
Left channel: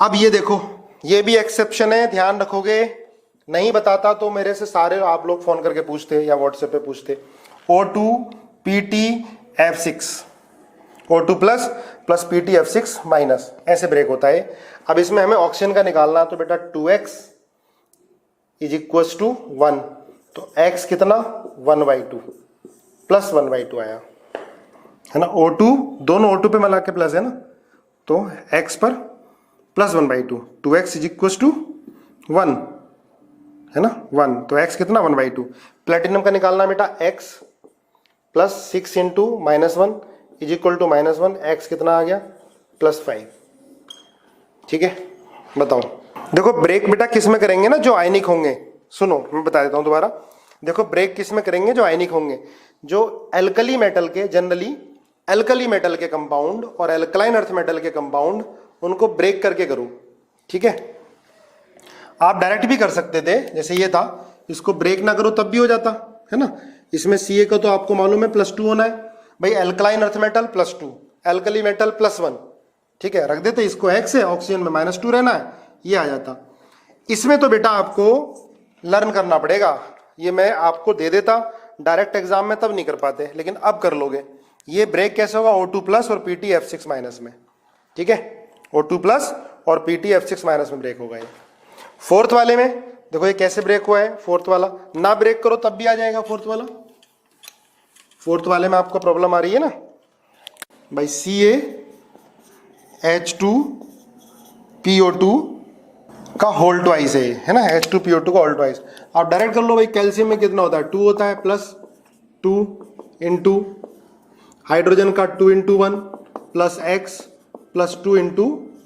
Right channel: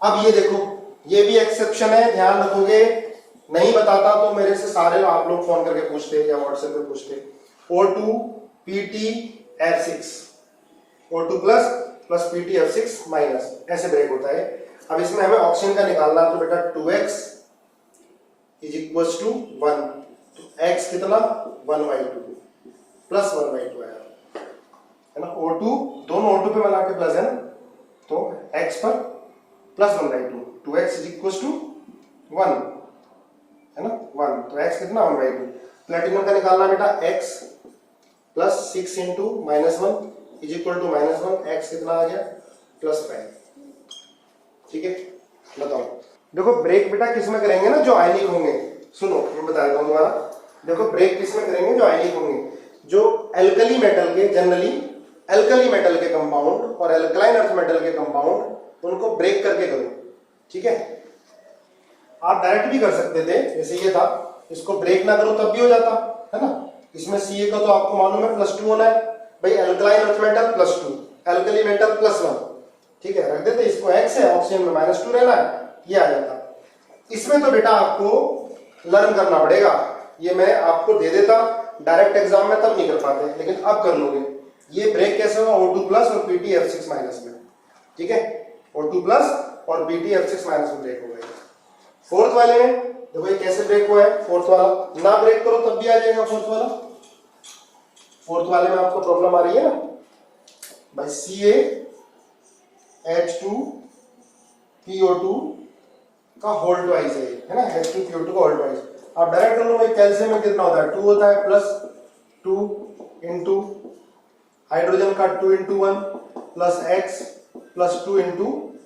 अब ये देखो ये भी एक्सेप्शन है, ध्यान रखोगे, नहीं बताता तो मेरे से सारे आप लोग फोन करके पूछते या व्हाट्सएप पे पूछते। O2 PT_F6, O2 + PT_F6 minus, ऐसे ब्रेक होता है। अब इसमें हमें ऑक्सीजन का निकालना, तो बेटा 2x = 1, तो x कितना 1/2 +1/2 आया, है ना। O2 दोनों O2 पे मिला के प्लस है ना, तो x पर +1/2, 2x = 1, है ना 1, तो x कितना 1/2। प्लेटिनम का निकालना बेटा x +6 × -1 = -1, x कितना आ गया +5, ठीक है। बताओ, देखो ब्रेक बेटा किस में करेंगे ना, जो आयनिक होंगे, सुनो मैं बता देता हूं दोबारा, देखो ब्रेक किस में करेंगे, जो आयनिक होंगे, जो एल्कली मेटल के, जनरली एल्कली मेटल के कंपाउंड और एल्कलाइन अर्थ मेटल के कंपाउंड, उनको ब्रेक करके करो, ठीक है। आप डायरेक्ट भी कर सकते थे, जैसे ये था, इसको ब्रेक ना करो तब भी हो जाता, है ना। इसमें Ca का तो आपको मालूम है +2 होना है, भाई alkaline earth metal +2, alkali metal +1, ठीक है, रख देते, इसको x है, ऑक्सीजन में -2 रहना है, ये आ जाता। इसमें तो बेटा आपको लर्न करना पड़ेगा, ये मैं आपको दे देता डायरेक्ट एग्जाम में, तब नहीं कर पाते, लेकिन अब कर लोगे। ये ब्रेक कैसे होगा, O2+ और PT_F6- में, ठीक है, O2+ और PT_F6- में ब्रेक होगा ये। फोर्थ वाले में देखो ये कैसे ब्रेक हुआ है, फोर्थ वाला ना ब्रेक करो तब भी आ जाएगा फोर्थ वाला। फोर्थ वाले में आपको प्रॉब्लम आ रही है ना भाई, CaH2PO2 का होल ट्वाइस है ना, H2PO2 का होल ट्वाइस। आप डायरेक्ट कर लो भाई, कैल्शियम में कितना होता है 2 होता है, +2 × हाइड्रोजन का 2 × 1 +x +2 ×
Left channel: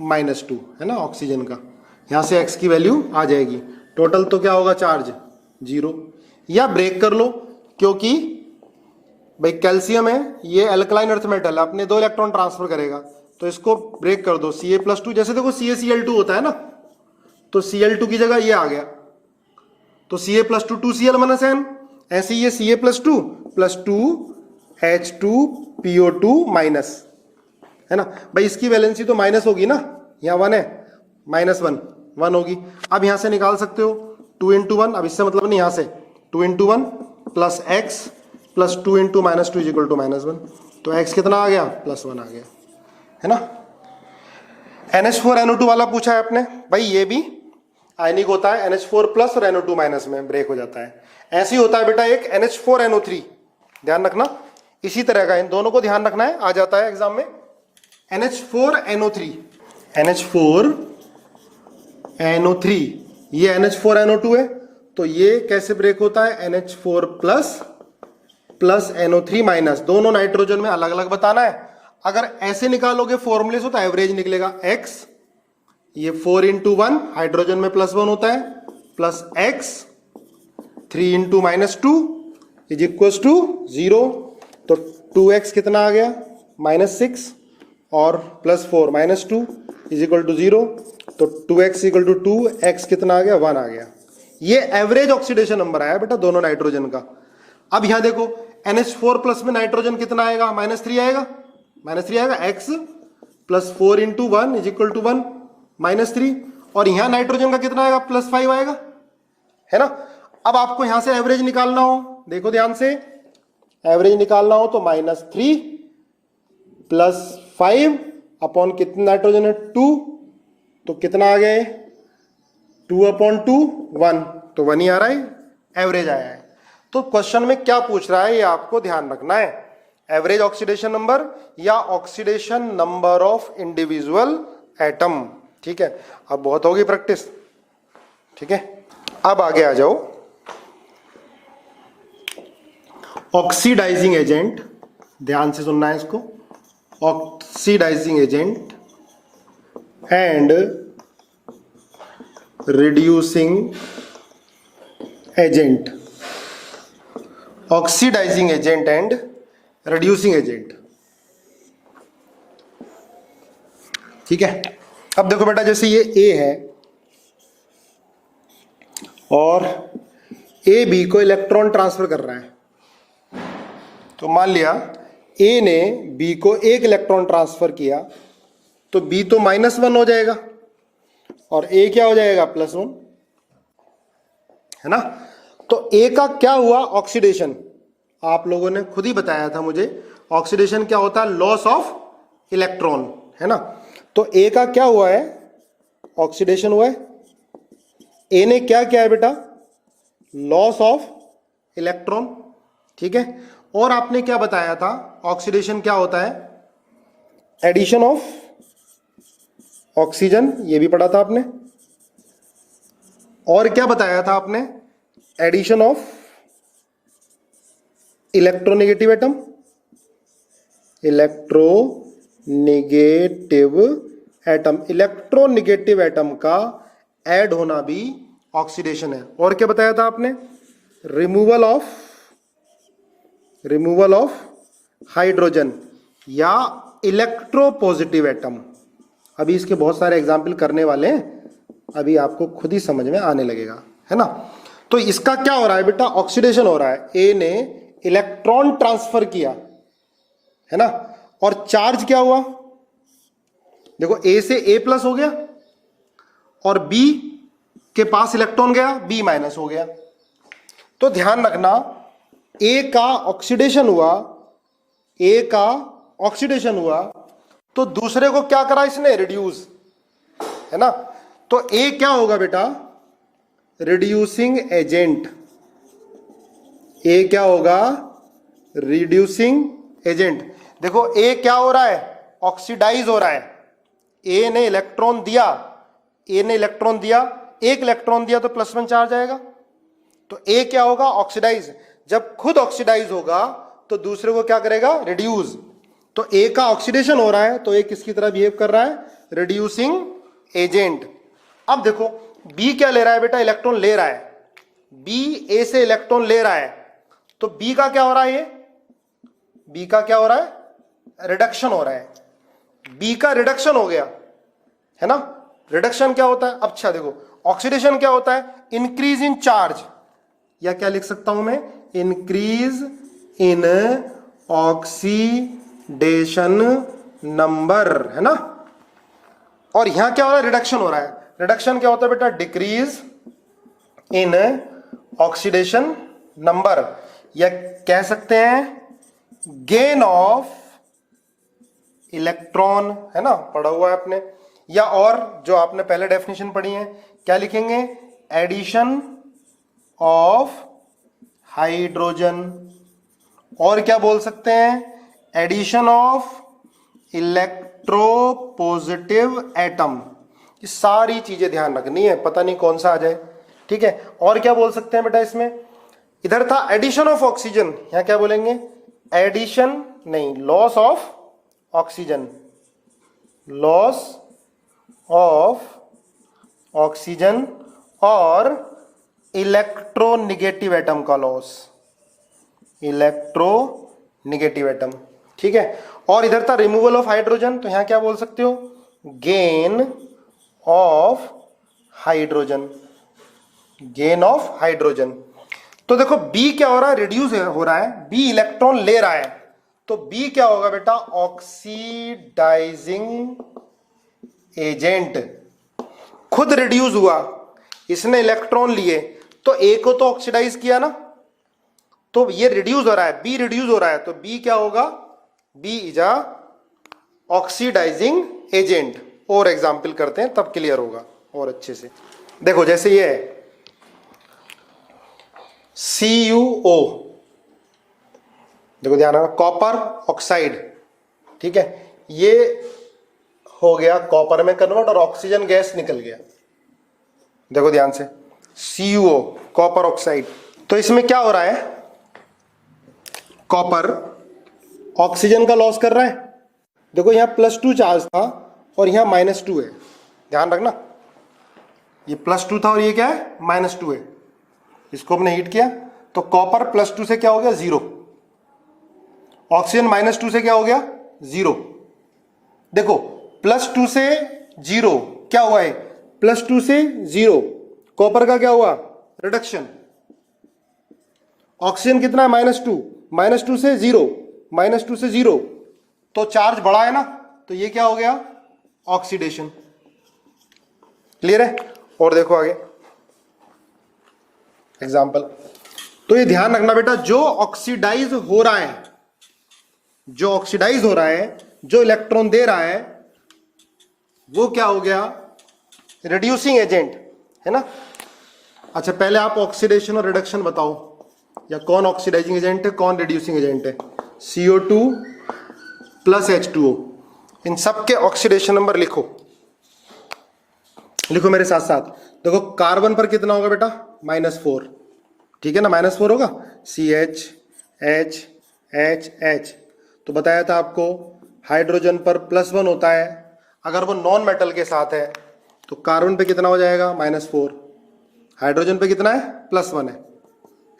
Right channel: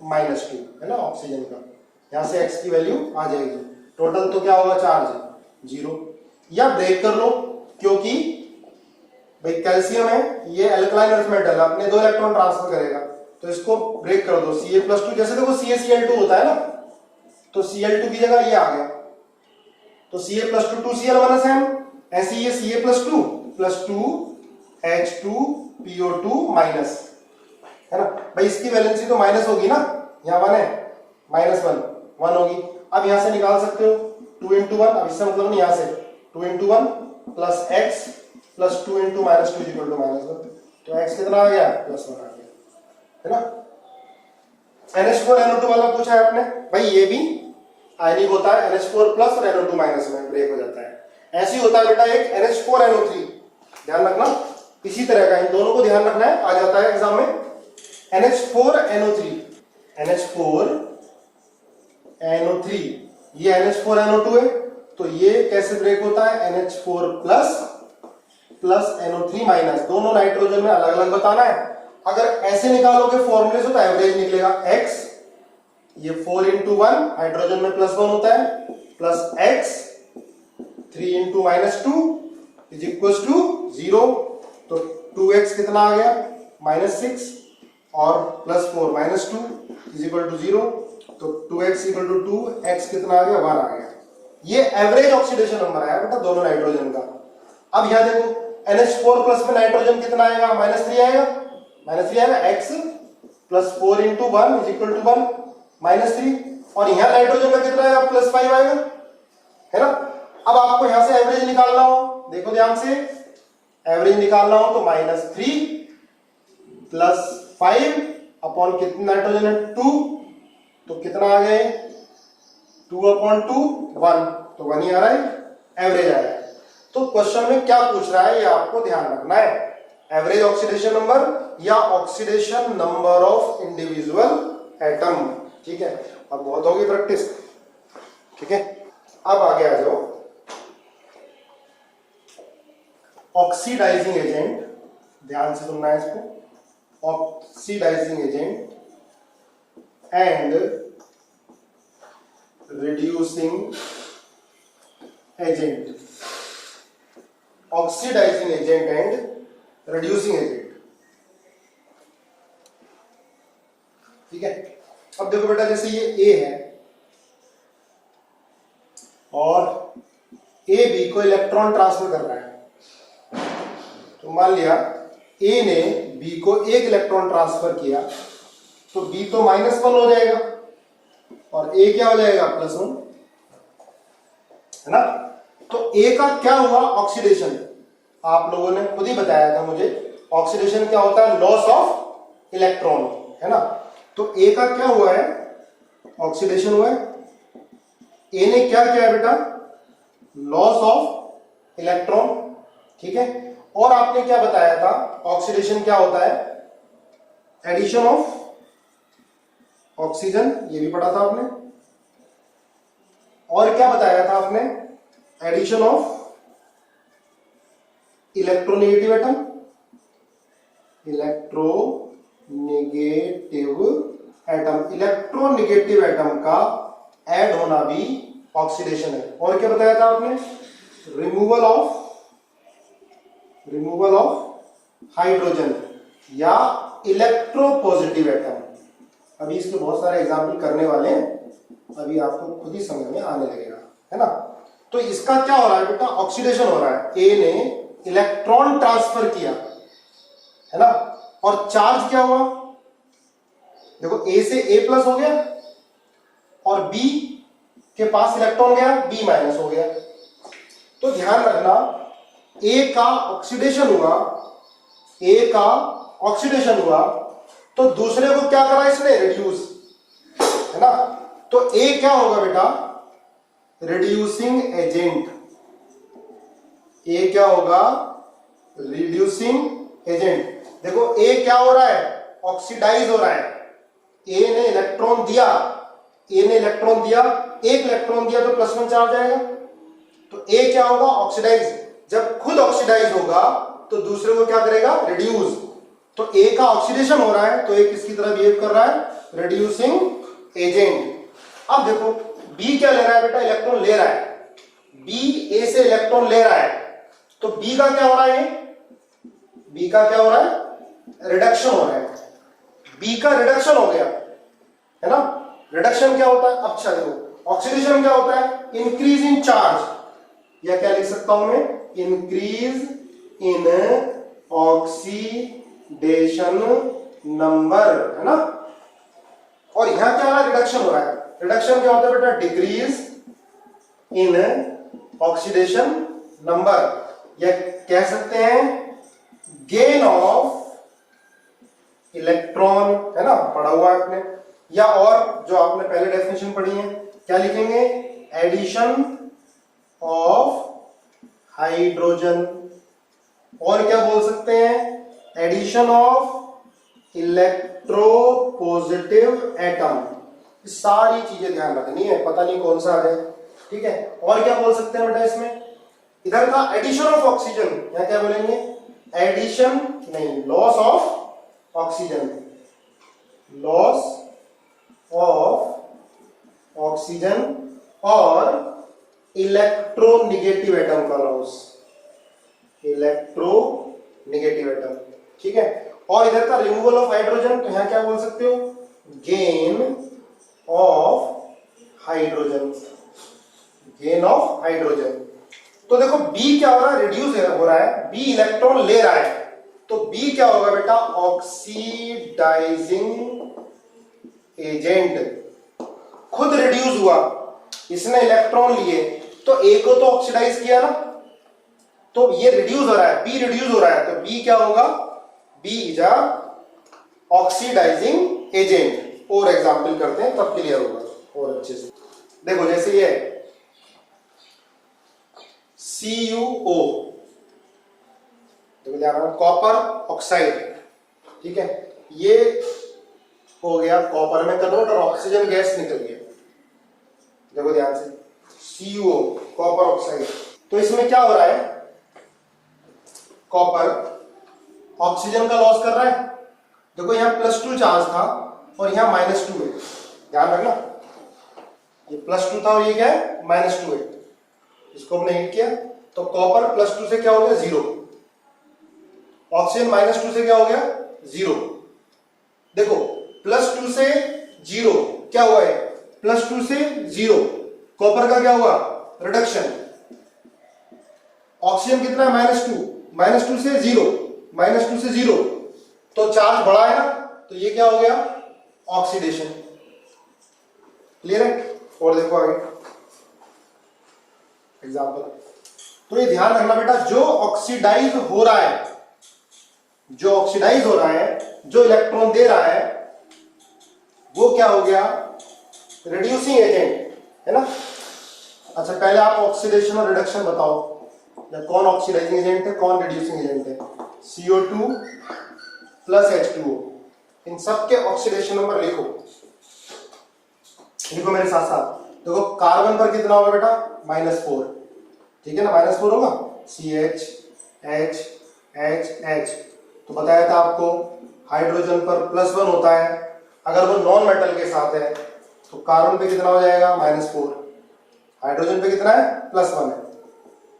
-2, है ना, ऑक्सीजन का, यहां से x की वैल्यू आ जाएगी। टोटल तो क्या होगा चार्ज 0, या ब्रेक कर लो, क्योंकि भाई कैल्शियम है, ये अल्कलाइन अर्थ मेटल है, अपने 2 इलेक्ट्रॉन ट्रांसफर करेगा, तो इसको ब्रेक कर दो, Ca+2, जैसे देखो CaCl2 होता है ना, तो Cl2 की जगह ये आ गया, तो Ca+2 2Cl-M, ऐसे ये Ca+2 +2 H2PO2-, है ना भाई, इसकी वैलेंसी तो माइनस होगी ना, यहाँ 1 है, -1 1 होगी। अब यहां से निकाल सकते हो 2 इंटू 1, अब इससे मतलब नहीं, यहां से 2 into 1 plus x plus 2 into minus 2 is equal to -1, तो एक्स कितना आ गया, +1 आ गया, है ना। NH4NO2 वाला पूछा है आपने, भाई ये भी आयनिक होता है, NH4 प्लस और NO2 माइनस में ब्रेक हो जाता है। ऐसे ही होता है बेटा एक NH4NO3, ध्यान रखना, इसी तरह का, इन दोनों को ध्यान रखना है, आ जाता है एग्जाम में। NH4NO3, NH4NO3, ये NH4NO2 है, तो ये कैसे ब्रेक होता है, NH4 प्लस NO3 माइनस, दोनों नाइट्रोजन में अलग अलग बताना है। अगर ऐसे निकालोगे फॉर्मूले से तो एवरेज निकलेगा x, ये 4 इंटू 1 हाइड्रोजन में +1 होता है, plus x 3 into -2 is equal to 0, तो 2x कितना आ गया, -6, और +4 -2 इज इक्वल टू 0, तो 2x इक्वल टू 2, x कितना आ गया, 1 आ गया। ये एवरेज ऑक्सीडेशन नंबर आया बेटा दोनों नाइट्रोजन का। अब यहां देखो NH4 प्लस में नाइट्रोजन कितना आएगा, -3 आएगा, x plus 4 into 1 is equal to 1, -3, और यहां नाइट्रोजन का कितना आएगा, +5 आएगा, है ना। अब आपको यहां से एवरेज निकालना हो, देखो ध्यान से, एवरेज निकालना हो तो -3 प्लस 5 अपॉन कितने नाइट्रोजन है, 2, तो कितना आ गया, 2/2 1, तो 1 ही आ रहा है, एवरेज आया है। तो क्वेश्चन में क्या पूछ रहा है ये आपको ध्यान रखना है, एवरेज ऑक्सीडेशन नंबर या oxidation number of individual atom, ठीक है। अब बहुत होगी प्रैक्टिस, ठीक है। अब आगे आ जाओ, ऑक्सीडाइजिंग एजेंट, ध्यान से सुनना है इसको, oxidising agent and reducing agent, oxidising agent and reducing agent, ठीक है। अब देखो बेटा, जैसे ये A है और A B को इलेक्ट्रॉन ट्रांसफर कर रहा है, तो मान लिया A ने B को एक इलेक्ट्रॉन ट्रांसफर किया, तो B तो -1 हो जाएगा और A क्या हो जाएगा, +1, है ना। तो A का क्या हुआ, ऑक्सीडेशन, आप लोगों ने खुद ही बताया था मुझे, ऑक्सीडेशन क्या होता है, लॉस ऑफ इलेक्ट्रॉन, है ना। तो A का क्या हुआ है, ऑक्सीडेशन हुआ है, A ने क्या किया है बेटा, लॉस ऑफ इलेक्ट्रॉन, ठीक है। और आपने क्या बताया था, ऑक्सीडेशन क्या होता है, एडिशन ऑफ ऑक्सीजन, ये भी पढ़ा था आपने। और क्या बताया था आपने, addition of electronegative atom, electronegative atom का ऐड होना भी ऑक्सीडेशन है। और क्या बताया था आपने, रिमूवल ऑफ हाइड्रोजन या इलेक्ट्रोपॉजिटिव एटम। अभी इसके बहुत सारे एग्जाम्पल करने वाले हैं, अभी आपको खुद ही समझ में आने लगेगा, है ना। तो इसका क्या हो रहा है बेटा, ऑक्सीडेशन हो रहा है, ए ने इलेक्ट्रॉन ट्रांसफर किया, है ना, और चार्ज क्या हुआ, देखो ए से A+ हो गया और B के पास इलेक्ट्रॉन गया, B- हो गया। तो ध्यान रखना, A का ऑक्सीडेशन हुआ, तो दूसरे को क्या करा इसने, रिड्यूस, है ना। तो A क्या होगा बेटा, रिड्यूसिंग एजेंट, A क्या होगा, रिड्यूसिंग एजेंट। देखो A क्या हो रहा है, ऑक्सीडाइज हो रहा है, A ने इलेक्ट्रॉन दिया, एक इलेक्ट्रॉन दिया तो +1 चार्ज आएगा, तो A क्या होगा, ऑक्सीडाइज। जब खुद ऑक्सीडाइज होगा तो दूसरे को क्या करेगा, रिड्यूस। तो A का ऑक्सीडेशन हो रहा है, तो A किसकी तरह बिहेव कर रहा है, रिड्यूसिंग एजेंट। अब देखो B क्या ले रहा है बेटा, इलेक्ट्रॉन ले रहा है, B A से इलेक्ट्रॉन ले रहा है, तो B का क्या हो रहा है, B का क्या हो रहा है, रिडक्शन हो रहा है। B का रिडक्शन हो गया, है ना। रिडक्शन क्या होता है, अच्छा देखो, ऑक्सीडेशन क्या होता है, इंक्रीज इन चार्ज, या क्या लिख सकता हूं मैं, इंक्रीज इन ऑक्सीडेशन नंबर, है ना। और यहां क्या हो रहा है, रिडक्शन हो रहा है। रिडक्शन क्या होता है बेटा, डिक्रीज इन ऑक्सीडेशन नंबर, या कह सकते हैं गेन ऑफ इलेक्ट्रॉन, है ना, पढ़ा हुआ है आपने। या और जो आपने पहले डेफिनेशन पढ़ी है, क्या लिखेंगे, एडिशन ऑफ हाइड्रोजन, और क्या बोल सकते हैं, एडिशन ऑफ इलेक्ट्रोपॉजिटिव एटम। ये सारी चीजें ध्यान रखनी है, पता नहीं कौन सा आ जाए, ठीक है। और क्या बोल सकते हैं बेटा इसमें, इधर था एडिशन ऑफ ऑक्सीजन, यहां क्या बोलेंगे, एडिशन नहीं, loss of oxygen, loss of oxygen, और इलेक्ट्रोनेगेटिव एटम का लॉस, इलेक्ट्रोनेगेटिव एटम, ठीक है। और इधर था रिमूवल ऑफ हाइड्रोजन, तो यहां क्या बोल सकते हो, gain of hydrogen, gain of hydrogen. तो देखो बी क्या हो रहा है, रिड्यूस हो रहा है, बी इलेक्ट्रॉन ले रहा है, तो बी क्या होगा बेटा, ऑक्सीडाइजिंग एजेंट, खुद रिड्यूस हुआ, इसने इलेक्ट्रॉन लिए, तो ए को तो ऑक्सीडाइज किया ना, तो ये रिड्यूस हो रहा है, बी रिड्यूस हो रहा है, तो बी क्या होगा, B is a oxidising agent. और एग्जाम्पल करते हैं तब क्लियर होगा और अच्छे से। देखो जैसे ये है CuO, देखो ध्यान रखना, कॉपर ऑक्साइड, ठीक है, ये हो गया कॉपर में कन्वर्ट और ऑक्सीजन गैस निकल गया, देखो ध्यान से, CuO कॉपर ऑक्साइड। तो इसमें क्या हो रहा है, कॉपर ऑक्सीजन का लॉस कर रहा है, देखो यहां +2 चार्ज था और यहां -2 है, ध्यान रखना, ये +2 था और ये क्या है, -2 है, इसको हमने हीट किया, तो कॉपर +2 से क्या हो गया, 0, ऑक्सीजन -2 से क्या हो गया, 0। देखो +2 से 0 क्या हुआ है, +2 से 0, कॉपर का क्या हुआ, रिडक्शन, ऑक्सीजन कितना है, -2, -2 से 0, -2 से 0, तो चार्ज बढ़ा है ना, तो ये क्या हो गया, ऑक्सीडेशन, क्लियर है। और देखो आगे एग्जाम्पल, तो ये ध्यान रखना बेटा, जो ऑक्सीडाइज हो रहा है, जो ऑक्सीडाइज हो रहा है, जो इलेक्ट्रॉन दे रहा है, वो क्या हो गया, रिड्यूसिंग एजेंट, है ना। अच्छा पहले आप ऑक्सीडेशन और रिडक्शन बताओ, या कौन ऑक्सीडाइजिंग एजेंट है, कौन रिड्यूसिंग एजेंट है, CO2 प्लस H2O, इन सब के ऑक्सीडेशन नंबर लिखो, लिखो मेरे साथ साथ। देखो कार्बन पर कितना होगा बेटा, -4, ठीक है ना, -4 होगा, CH H H H। तो बताया था आपको हाइड्रोजन पर +1 होता है, अगर वो नॉन मेटल के साथ है, तो कार्बन पे कितना हो जाएगा, -4, हाइड्रोजन पे कितना है, +1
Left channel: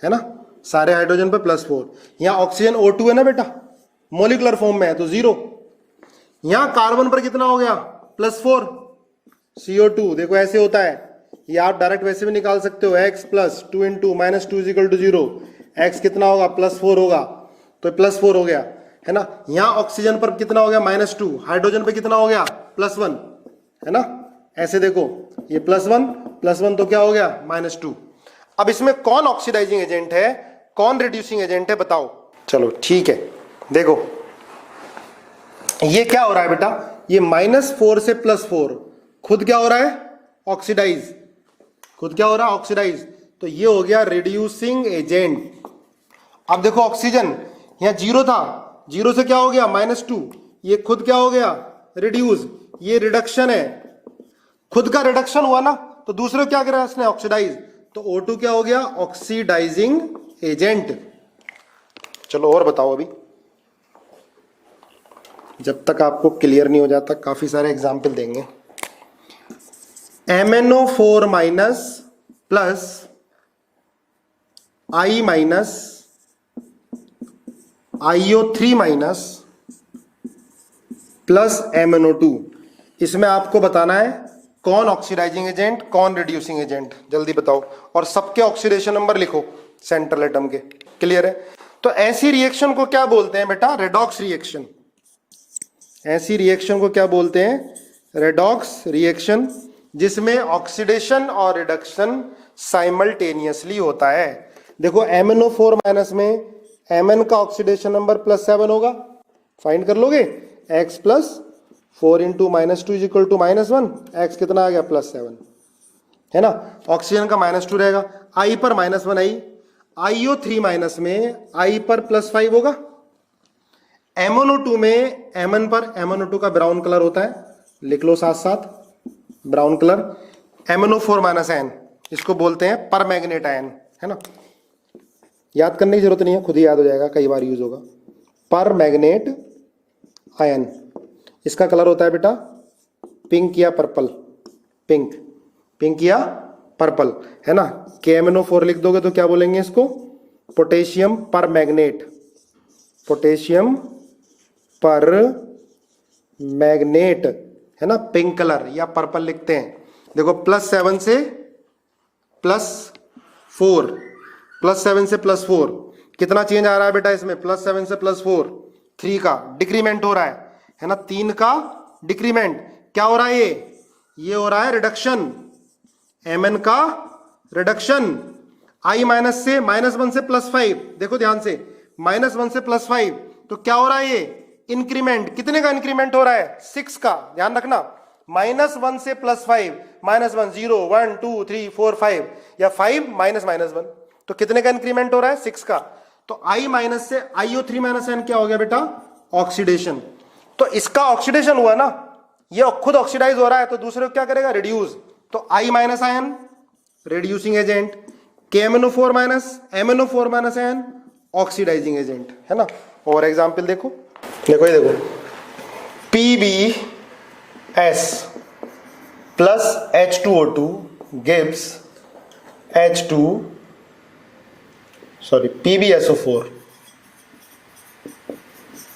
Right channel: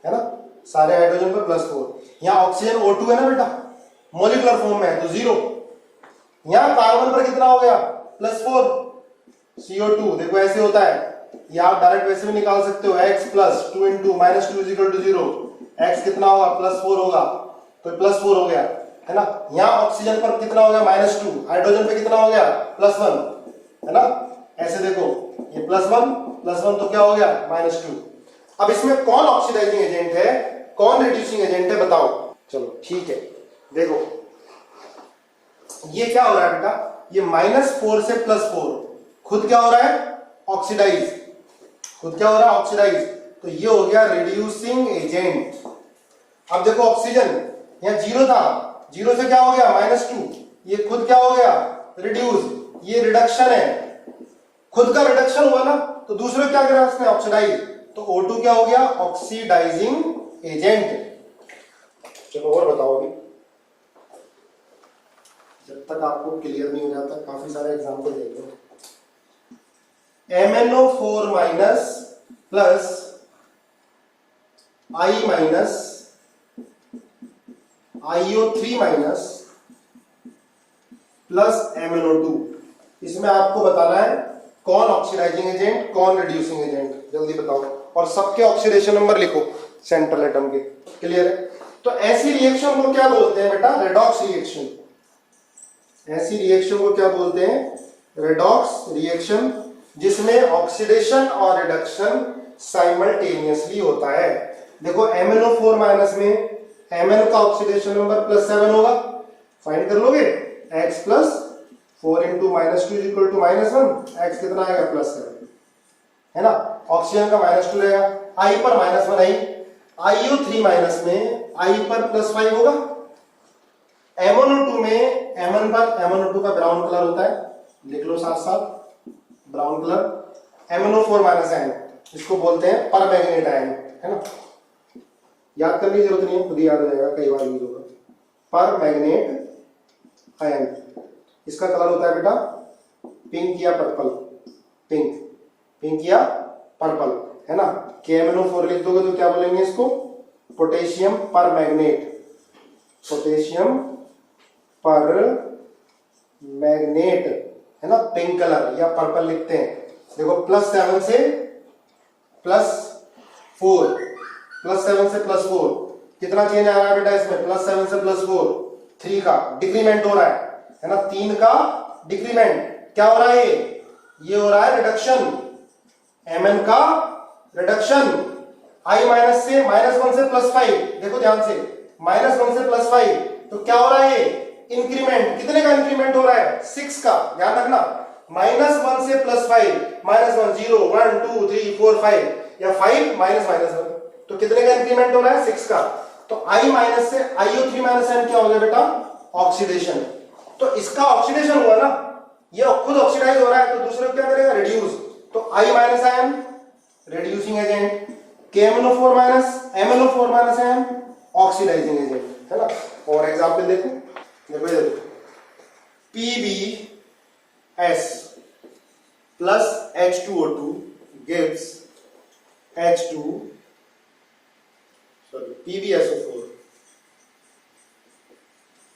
है ना, सारे हाइड्रोजन पे +4। यहाँ ऑक्सीजन O2 है ना बेटा, मोलिकुलर फॉर्म में है, तो 0। यहाँ कार्बन पर कितना हो गया, +4, CO2, देखो ऐसे होता है, ये आप डायरेक्ट वैसे भी निकाल सकते हो, x + 2 × -2 = 0, x कितना होगा, +4 होगा, तो +4 हो गया, है ना। यहाँ ऑक्सीजन पर कितना हो गया, -2, हाइड्रोजन पे कितना हो गया, +1, है ना, ऐसे देखो, ये +1 तो क्या हो गया, -2। अब इसमें कौन ऑक्सीडाइजिंग एजेंट है, कौन रिड्यूसिंग एजेंट है, बताओ। चलो ठीक है, देखो ये क्या हो रहा है बेटा, ये -4 से +4, खुद क्या हो रहा है, ऑक्सीडाइज, खुद क्या हो रहा है, ऑक्सीडाइज, तो ये हो गया रिड्यूसिंग एजेंट। अब देखो ऑक्सीजन यहाँ 0 था, 0 से क्या हो गया, -2, ये खुद क्या हो गया, रिड्यूस, ये रिडक्शन है, खुद का रिडक्शन हुआ ना, तो दूसरे क्या करा उसने, ऑक्सीडाइज, तो O2 क्या हो गया, ऑक्सीडाइजिंग एजेंट। चलो और बताओ, अभी जब तक आपको क्लियर नहीं हो जाता, काफी सारे एग्जाम्पल देंगे। MnO4 minus plus I minus IO3 minus plus MnO2, इसमें आपको बताना है कौन ऑक्सीडाइजिंग एजेंट, कौन रिड्यूसिंग एजेंट, जल्दी बताओ, और सबके ऑक्सीडेशन नंबर लिखो सेंट्रल एटम के, क्लियर है। तो ऐसी रिएक्शन को क्या बोलते हैं बेटा, रेडॉक्स रिएक्शन। ऐसी रिएक्शन को क्या बोलते हैं, रेडॉक्स रिएक्शन, जिसमें ऑक्सीडेशन और रिडक्शन साइमल्टेनियसली होता है। देखो MnO4 माइनस में Mn का ऑक्सीडेशन नंबर +7 होगा, फाइंड कर लोगे। x plus 4 into -2 is equal to -1, x कितना आ गया +7, है ना। ऑक्सीजन का -2 रहेगा, I पर -1 आई, IO3 माइनस में I पर +5 होगा। MnO2 में Mn पर, MnO2 का ब्राउन कलर होता है, लिख लो साथ साथ brown colour. MnO4 minus N, इसको बोलते हैं पर मैग्नेट आयन, है ना। याद करने की जरूरत नहीं है, खुद ही याद हो जाएगा, कई बार यूज होगा। पर मैग्नेट आयन, इसका कलर होता है बेटा पिंक या पर्पल, पिंक या पर्पल, है ना। KMnO4 लिख दोगे तो क्या बोलेंगे इसको, पोटेशियम पर मैग्नेट, पोटेशियम पर मैग्नेट, है ना। पिंक कलर या पर्पल लिखते हैं। देखो +7 से +4, +7 से +4 कितना चेंज आ रहा है बेटा इसमें, +7 से +4 3 का डिक्रीमेंट हो रहा है ना, 3 का डिक्रीमेंट। क्या हो रहा है ये हो रहा है रिडक्शन, Mn का रिडक्शन। I माइनस से -1 से +5, देखो ध्यान से, -1 से +5, तो क्या हो रहा है ये इंक्रीमेंट। कितने का इंक्रीमेंट हो रहा है, 6 का, ध्यान रखना। -1 से +5, -1 0 1 2 3 4 5 या 5 -1, तो कितने का इंक्रीमेंट हो रहा है, 6 का। तो I माइनस से IO3 माइनस N क्या हो गया बेटा, ऑक्सीडेशन। तो इसका ऑक्सीडेशन हुआ ना, ये खुद ऑक्सीडाइज हो रहा है, तो दूसरे को क्या करेगा, रिड्यूस। तो I minus ion reducing agent, KMnO4 minus MnO4 minus ion oxidising agent, है ना। और एग्जांपल देखो, देखो ये देखो, PbS plus H2O2 gives PbSO4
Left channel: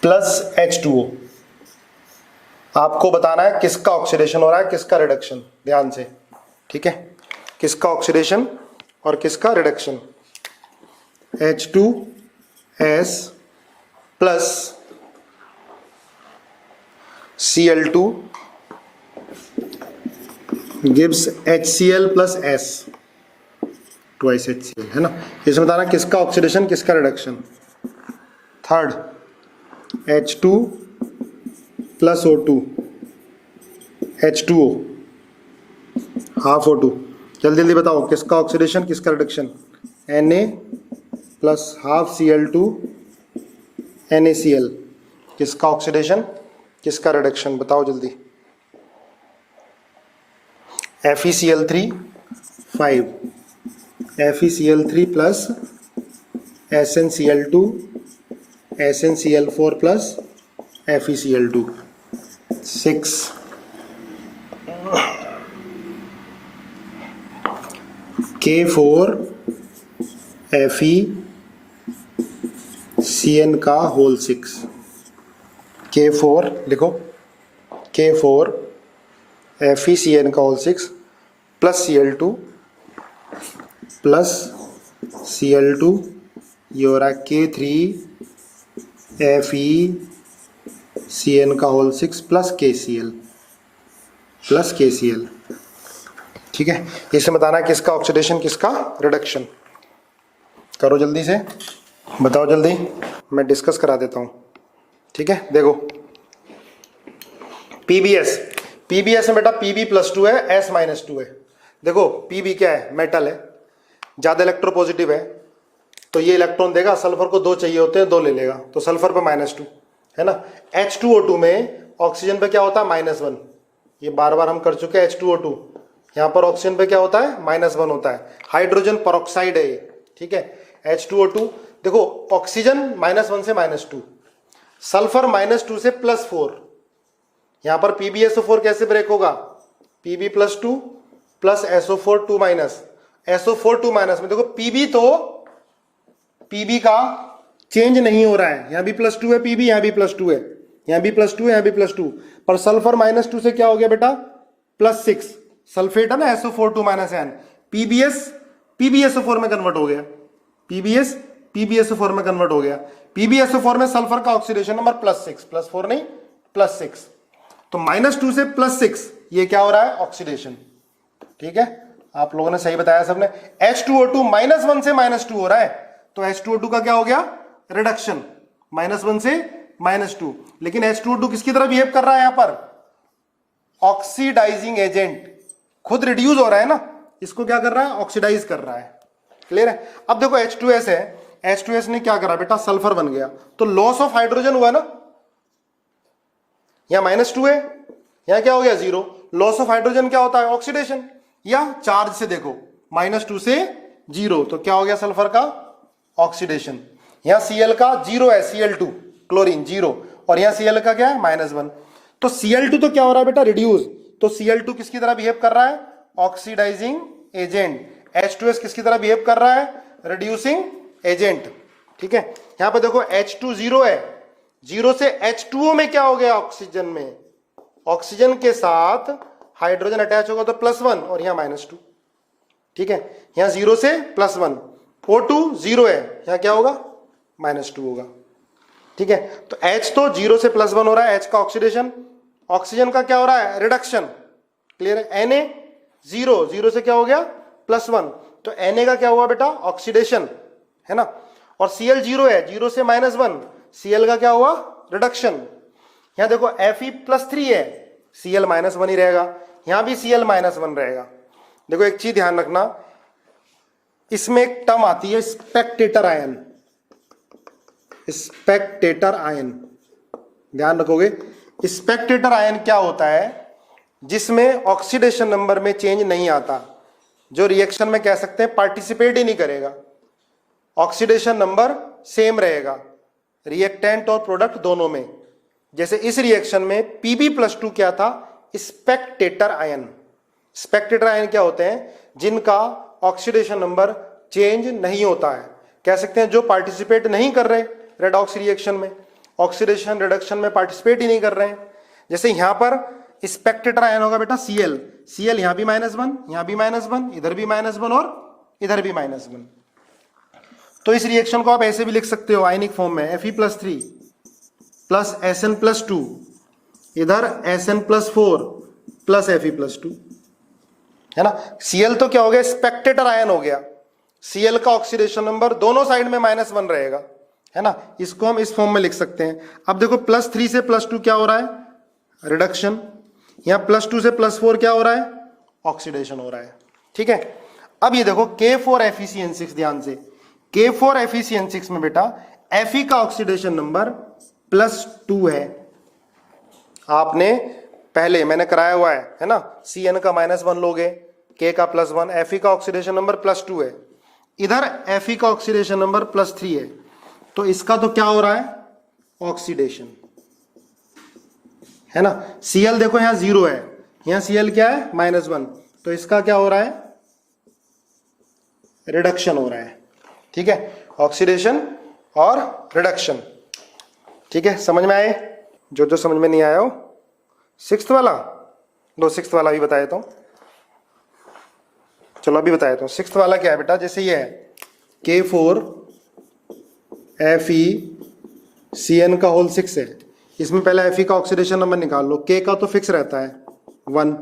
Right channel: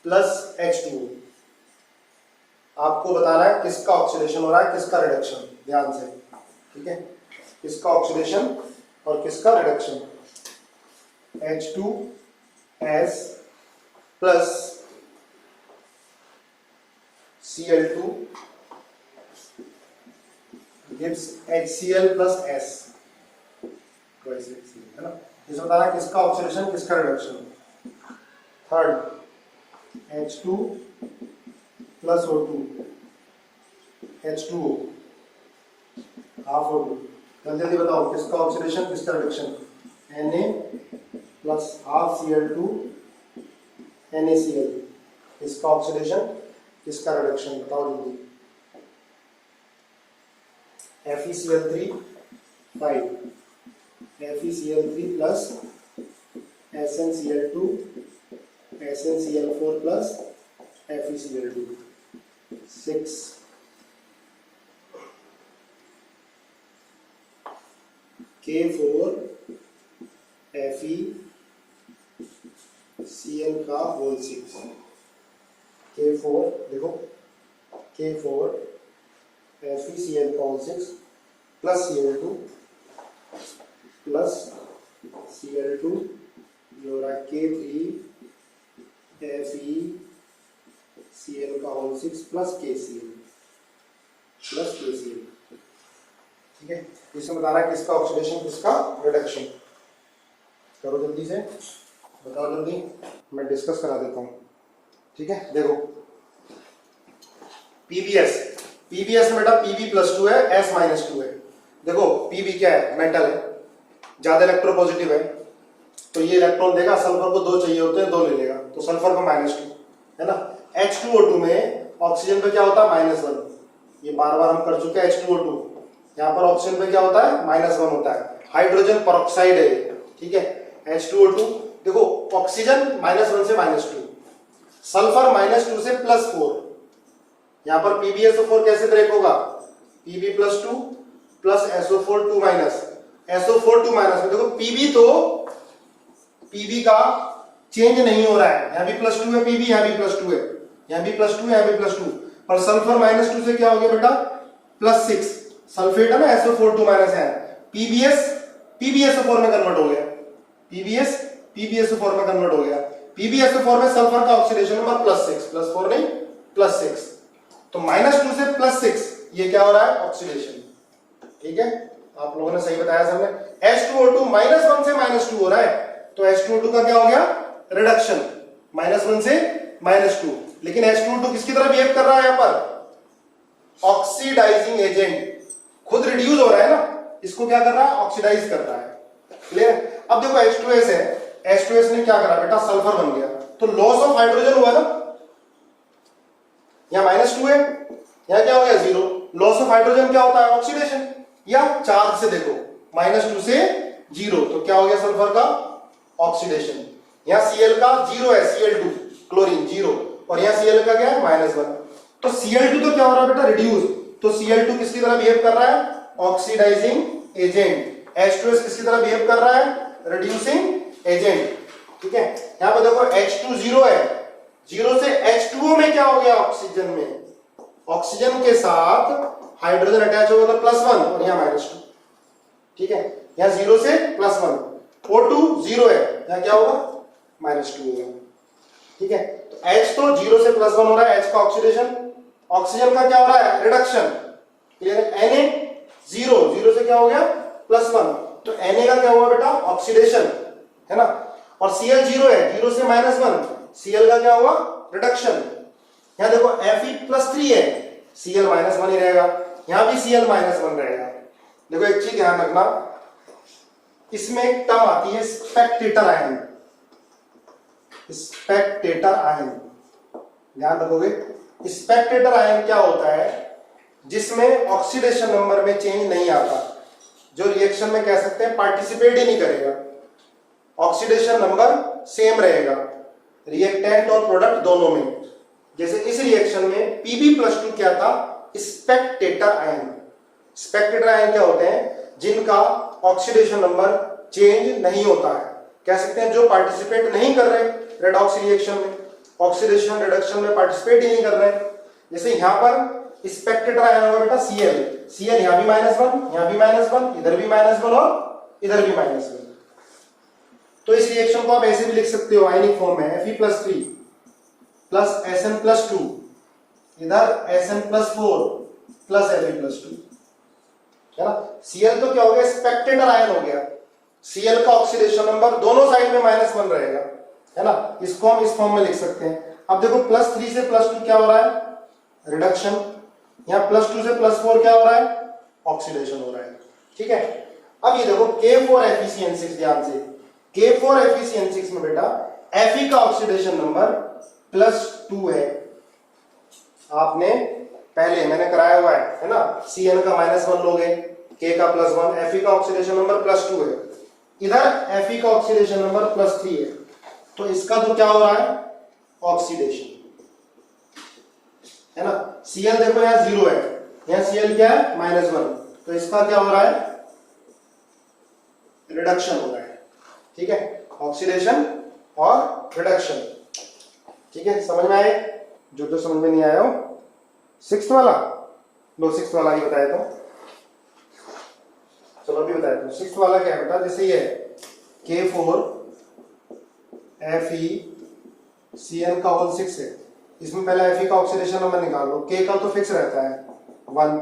plus H2O। आपको बताना है किसका ऑक्सीडेशन हो रहा है, किसका रिडक्शन, ध्यान से, ठीक है। किसका ऑक्सीडेशन और किसका reduction. H2S plus Cl2 gives HCl plus S, twice HCl, है ना। इसमें बताना किसका ऑक्सीडेशन किसका reduction. Third H2 plus O2, H2O half O2, जल्दी जल्दी बताओ किसका ऑक्सीडेशन किसका reduction. Na plus half Cl2 NaCl, किसका ऑक्सीडेशन किसका रिडक्शन, बताओ जल्दी। FeCl3 5, FeCl3 plus SnCl2 SnCl4 plus FeCl2 6, K4 FeCN का होल 6, K4 लिखो, K4 FeCN का whole 6 plus Cl2 plus Cl2, ये हो रहा है K3 FeCN का होल 6 प्लस KCl, ठीक है। इसे बताना किसका ऑक्सीडेशन किसका रिडक्शन। करो जल्दी से, बताओ जल्दी, मैं डिस्कस करा देता हूं, ठीक है। देखो PbS में बेटा Pb+2 है, S -2 है। देखो Pb क्या है, मेटल है, ज्यादा इलेक्ट्रोपॉजिटिव है, तो ये इलेक्ट्रॉन देगा, सल्फर को 2 चाहिए होते हैं, 2 ले लेगा, तो सल्फर पे -2, है ना। H2O2 में ऑक्सीजन पे क्या होता है, -1, ये बार बार हम कर चुके हैं। H2O2 यहाँ पर ऑक्सीजन पे क्या होता है, -1 होता है, हाइड्रोजन परऑक्साइड है, ठीक है। H2O2 देखो, ऑक्सीजन -1 से -2, सल्फर -2 से +4, यहां पर PbSO4 कैसे ब्रेक होगा, Pb+2 plus SO4 2 minus, SO4 2 minus में देखो Pb का चेंज नहीं हो रहा है, यहां भी +2 है Pb, यहां भी +2 है, यहां भी +2 है, यहां भी +2, पर सल्फर -2 से क्या हो गया बेटा, +6, सल्फेट है ना, SO4 2 माइनस N, PbSO4 में कन्वर्ट हो गया, PbSO4 में कन्वर्ट हो गया। PbSO4 में सल्फर का ऑक्सीडेशन नंबर +6, +4 नहीं +6, तो -2 से +6, ये क्या हो रहा है, ऑक्सीडेशन, ठीक है। आप लोगों ने सही बताया सबने। H2O2 -1 से -2 हो रहा है, तो H2O2 का क्या हो गया, रिडक्शन, -1 से -2। लेकिन H2O2 किसकी तरह बिहेव कर रहा है यहां पर, ऑक्सीडाइजिंग एजेंट, खुद रिड्यूस हो रहा है ना, इसको क्या कर रहा है, ऑक्सीडाइज कर रहा है। क्लियर है। अब देखो H2S है, H2S ने क्या करा बेटा, सल्फर बन गया, तो लॉस ऑफ हाइड्रोजन हुआ ना, यहां -2 है, यहां क्या हो गया 0। लॉस ऑफ हाइड्रोजन क्या होता है, ऑक्सीडेशन, या चार्ज से देखो -2 से 0, तो क्या हो गया सल्फर का, ऑक्सीडेशन। यहां Cl का 0 है, Cl2 क्लोरीन 0, और यहां Cl का क्या है, -1, तो Cl2 तो क्या हो रहा है बेटा, रिड्यूस, तो Cl2 किसकी तरह बिहेव कर रहा है, ऑक्सीडाइजिंग एजेंट। H2S किसकी तरह बिहेव कर रहा है, रिड्यूसिंग एजेंट। ठीक है, यहां पे देखो H2 0 है, 0 से H2O में क्या हो गया, ऑक्सीजन में, ऑक्सीजन के साथ हाइड्रोजन अटैच होगा तो +1, और यहां -2। ठीक है, यहां 0 से +1, O2 0 है, यहां क्या होगा, -2 होगा। ठीक है, तो H तो 0 से +1 हो रहा है, H का ऑक्सीडेशन, ऑक्सीजन का क्या हो रहा है, रिडक्शन। क्लियर है। Na 0 से क्या हो गया, +1, तो Na का क्या हुआ बेटा, ऑक्सीडेशन, है ना। और Cl 0 है, 0 से -1, Cl का क्या हुआ, रिडक्शन। यहां देखो Fe+3 है, Cl -1 ही रहेगा, यहां भी Cl -1 रहेगा। देखो एक चीज ध्यान रखना, इसमें एक टर्म आती है स्पेक्टेटर आयन, स्पेक्टेटर आयन, ध्यान रखोगे। स्पेक्टेटर आयन क्या होता है, जिसमें ऑक्सीडेशन नंबर में चेंज नहीं आता, जो रिएक्शन में कह सकते हैं पार्टिसिपेट ही नहीं करेगा, ऑक्सीडेशन नंबर सेम रहेगा रिएक्टेंट और प्रोडक्ट दोनों में। जैसे इस रिएक्शन में Pb+2 क्या था, स्पेक्टेटर आयन। स्पेक्टेटर आयन क्या होते हैं, जिनका ऑक्सीडेशन नंबर चेंज नहीं होता है, कह सकते हैं जो पार्टिसिपेट नहीं कर रहे रेडॉक्स रिएक्शन में, ऑक्सीडेशन रिडक्शन में पार्टिसिपेट ही नहीं कर रहे। जैसे यहां पर स्पेक्टेटर आयन होगा बेटा Cl यहां भी -1, यहां भी -1, इधर भी -1 और इधर भी -1। तो इस रिएक्शन को आप ऐसे भी लिख सकते हो आयनिक फॉर्म में, Fe+3 प्लस Sn+2, इधर Sn+4 प्लस Fe+2, है ना। Cl तो क्या हो गया, स्पेक्टेटर आयन हो गया, Cl का ऑक्सीडेशन नंबर दोनों साइड में -1 रहेगा, है ना। इसको हम इस फॉर्म में लिख सकते हैं। अब देखो +3 से +2 क्या हो रहा है, रिडक्शन, यहां +2 से +4 क्या हो रहा है, ऑक्सीडेशन हो रहा है। ठीक है, अब ये देखो K4FeCN6, ध्यान से, K4FeCN6 में बेटा Fe का ऑक्सीडेशन नंबर +2 है, आपने पहले मैंने कराया हुआ है ना, Cn का -1 लोगे, K का +1, Fe का ऑक्सीडेशन नंबर +2 है, इधर Fe का ऑक्सीडेशन नंबर +3 है, तो इसका तो क्या हो रहा है, ऑक्सीडेशन, है ना। Cl देखो यहां 0 है, यहां Cl क्या है, -1, तो इसका क्या हो रहा है, रिडक्शन हो रहा है। ठीक है, ऑक्सीडेशन और रिडक्शन। ठीक है, समझ में आए, जो समझ में नहीं आया हो, 6th वाला, 6th वाला भी बताया तुम, चलो अभी बताया तुम। 6th वाला क्या है बेटा, जैसे ये है K4FeCN का होल 6 है, इसमें पहले Fe का ऑक्सीडेशन नंबर निकाल लो, K का तो फिक्स रहता है 1,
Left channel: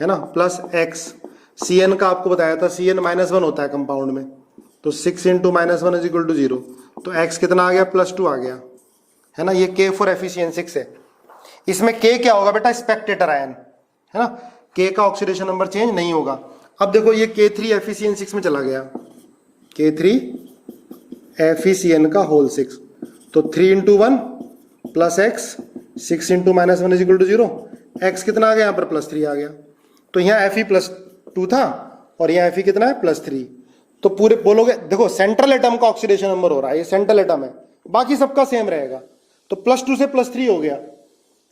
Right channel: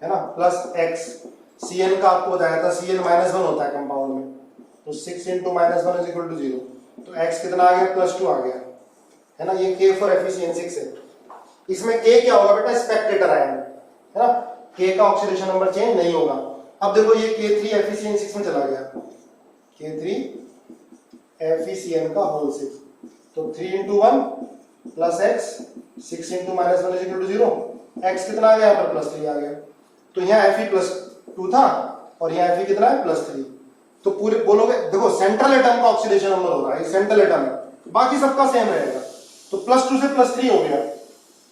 है ना, प्लस X, Cn का आपको बताया था Cn -1 होता है कंपाउंड में, तो 6 × -1 = 0, तो X कितना आ गया, +2 आ गया, है ना। ये K4FeCN6 है, इसमें K क्या होगा बेटा, स्पेक्टेटर आयन, है ना, K का ऑक्सीडेशन नंबर चेंज नहीं होगा। अब देखो ये K3FeCN6 में चला गया, K3FeCN का होल 6, तो 3 × 1 प्लस X, 6 × -1 = 0, X कितना आ गया, यहाँ पर +3 आ गया, तो यहाँ Fe+2 था और यहाँ Fe कितना है, +3, तो पूरे बोलोगे, देखो सेंट्रल एटम का ऑक्सीडेशन नंबर हो रहा है, ये सेंट्रल एटम है, बाकी सबका सेम रहेगा, तो +2 से +3 हो गया,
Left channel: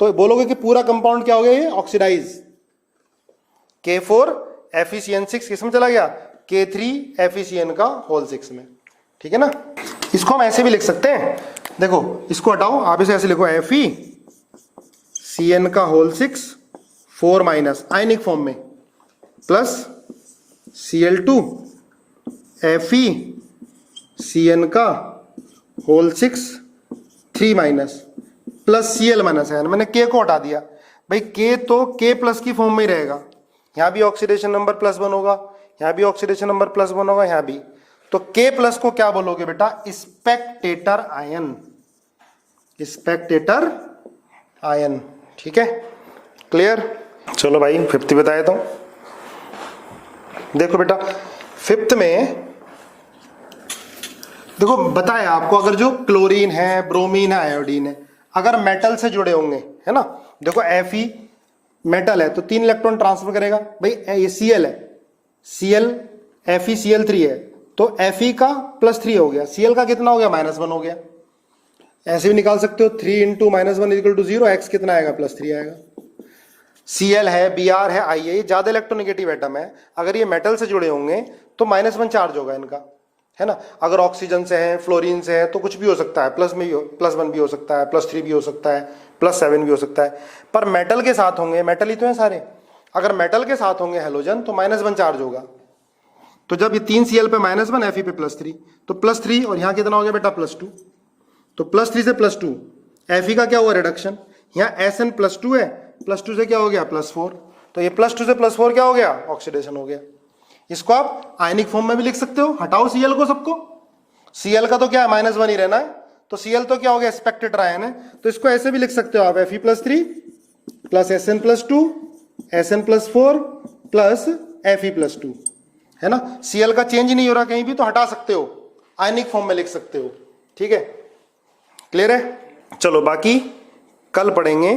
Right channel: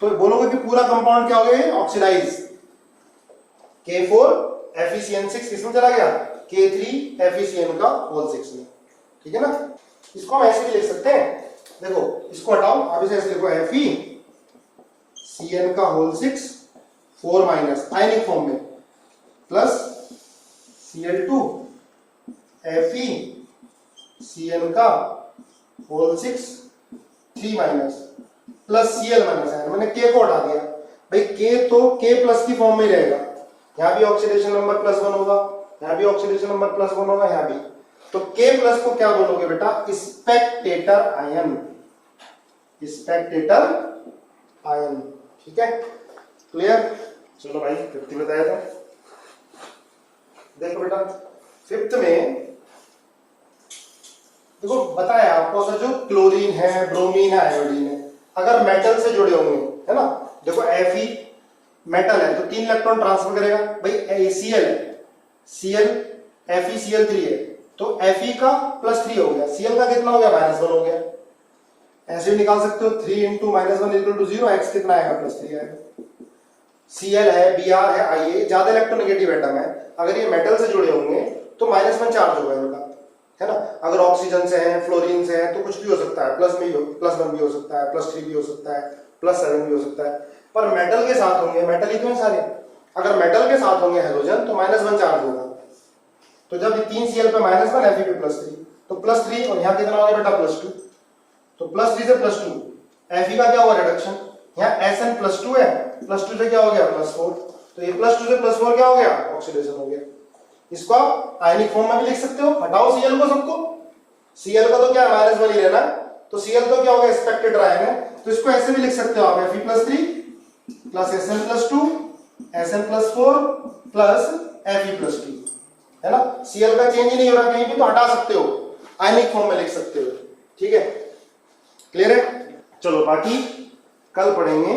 तो बोलोगे कि पूरा कंपाउंड क्या हो गया, ये ऑक्सीडाइज। K4FeCN6 किसमें चला गया, K3FeCN का होल 6 में। ठीक है ना, इसको हम ऐसे भी लिख सकते हैं, देखो इसको हटाओ, आप इसे ऐसे लिखो, FeCN का होल 6 4- आयनिक फॉर्म में, प्लस Cl2 FeCN का होल 6 3- प्लस Cl -, मैंने K को हटा दिया भाई, K तो K+ की फॉर्म में ही रहेगा, यहां भी ऑक्सीडेशन नंबर +1 होगा, यहाँ भी ऑक्सीडेशन नंबर +1 होगा, यहाँ भी। तो K प्लस को क्या बोलोगे बेटा? Spectator ion, Spectator ion. ठीक है, क्लियर? चलो भाई फिफ्थ बताया। तो देखो बेटा फिफ्थ में देखो बताया आपको, अगर जो क्लोरीन है, ब्रोमीन है, आयोडीन है, अगर मेटल से जुड़े होंगे, है ना, देखो Fe मेटल है तो 3 इलेक्ट्रॉन ट्रांसफर करेगा भाई। ये Cl है, Cl FeCl3 है तो Fe का +3 हो गया, Cl का कितना हो गया? -1 हो गया। ऐसे भी निकाल सकते हो, 3 × -1 = 0, x कितना आएगा? +3 आएगा। Cl है, Br है, Ia ज्यादा इलेक्ट्रोनेगेटिव एटम है, अगर ये मेटल से जुड़े होंगे तो -1 चार्ज होगा इनका, है ना। अगर ऑक्सीजन से है, फ्लोरीन से है तो कुछ भी हो सकता है, +1 भी हो सकता है, +3 भी हो सकता है, +7 भी हो सकता है। पर मेटल के साथ होंगे, मेटल ही तो है सारे, अगर मेटल के साथ होंगे हैलोजन तो -1 चार्ज होगा। तो जब ये 3 Cl पे -1, Fe पे +3, तो +3 और यहाँ कितना हो गया बेटा? +2। तो +3 से +2, Fe का क्या हुआ? रिडक्शन। यहाँ Sn +2 है, +2 से क्या हो गया? +4। तो ये +2 से +4 क्या हो गया? ऑक्सीडेशन हो गया। इसको आप आयनिक फॉर्म में भी लिख सकते हो, हटाओ Cl को सबको, Cl का तो क्या है? -1 ही रहना, तो Cl तो क्या हो गया? स्पेक्टेटर आयन है, तो इसको ऐसे भी लिख सकते हो आप, Fe +3 + Sn +2 Sn +4 + Fe +2, है ना। Cl का चेंज नहीं हो रहा कहीं भी, तो हटा सकते हो, आयनिक फॉर्म में लिख सकते हो। ठीक है, क्लियर है? चलो बाकी कल पढ़ेंगे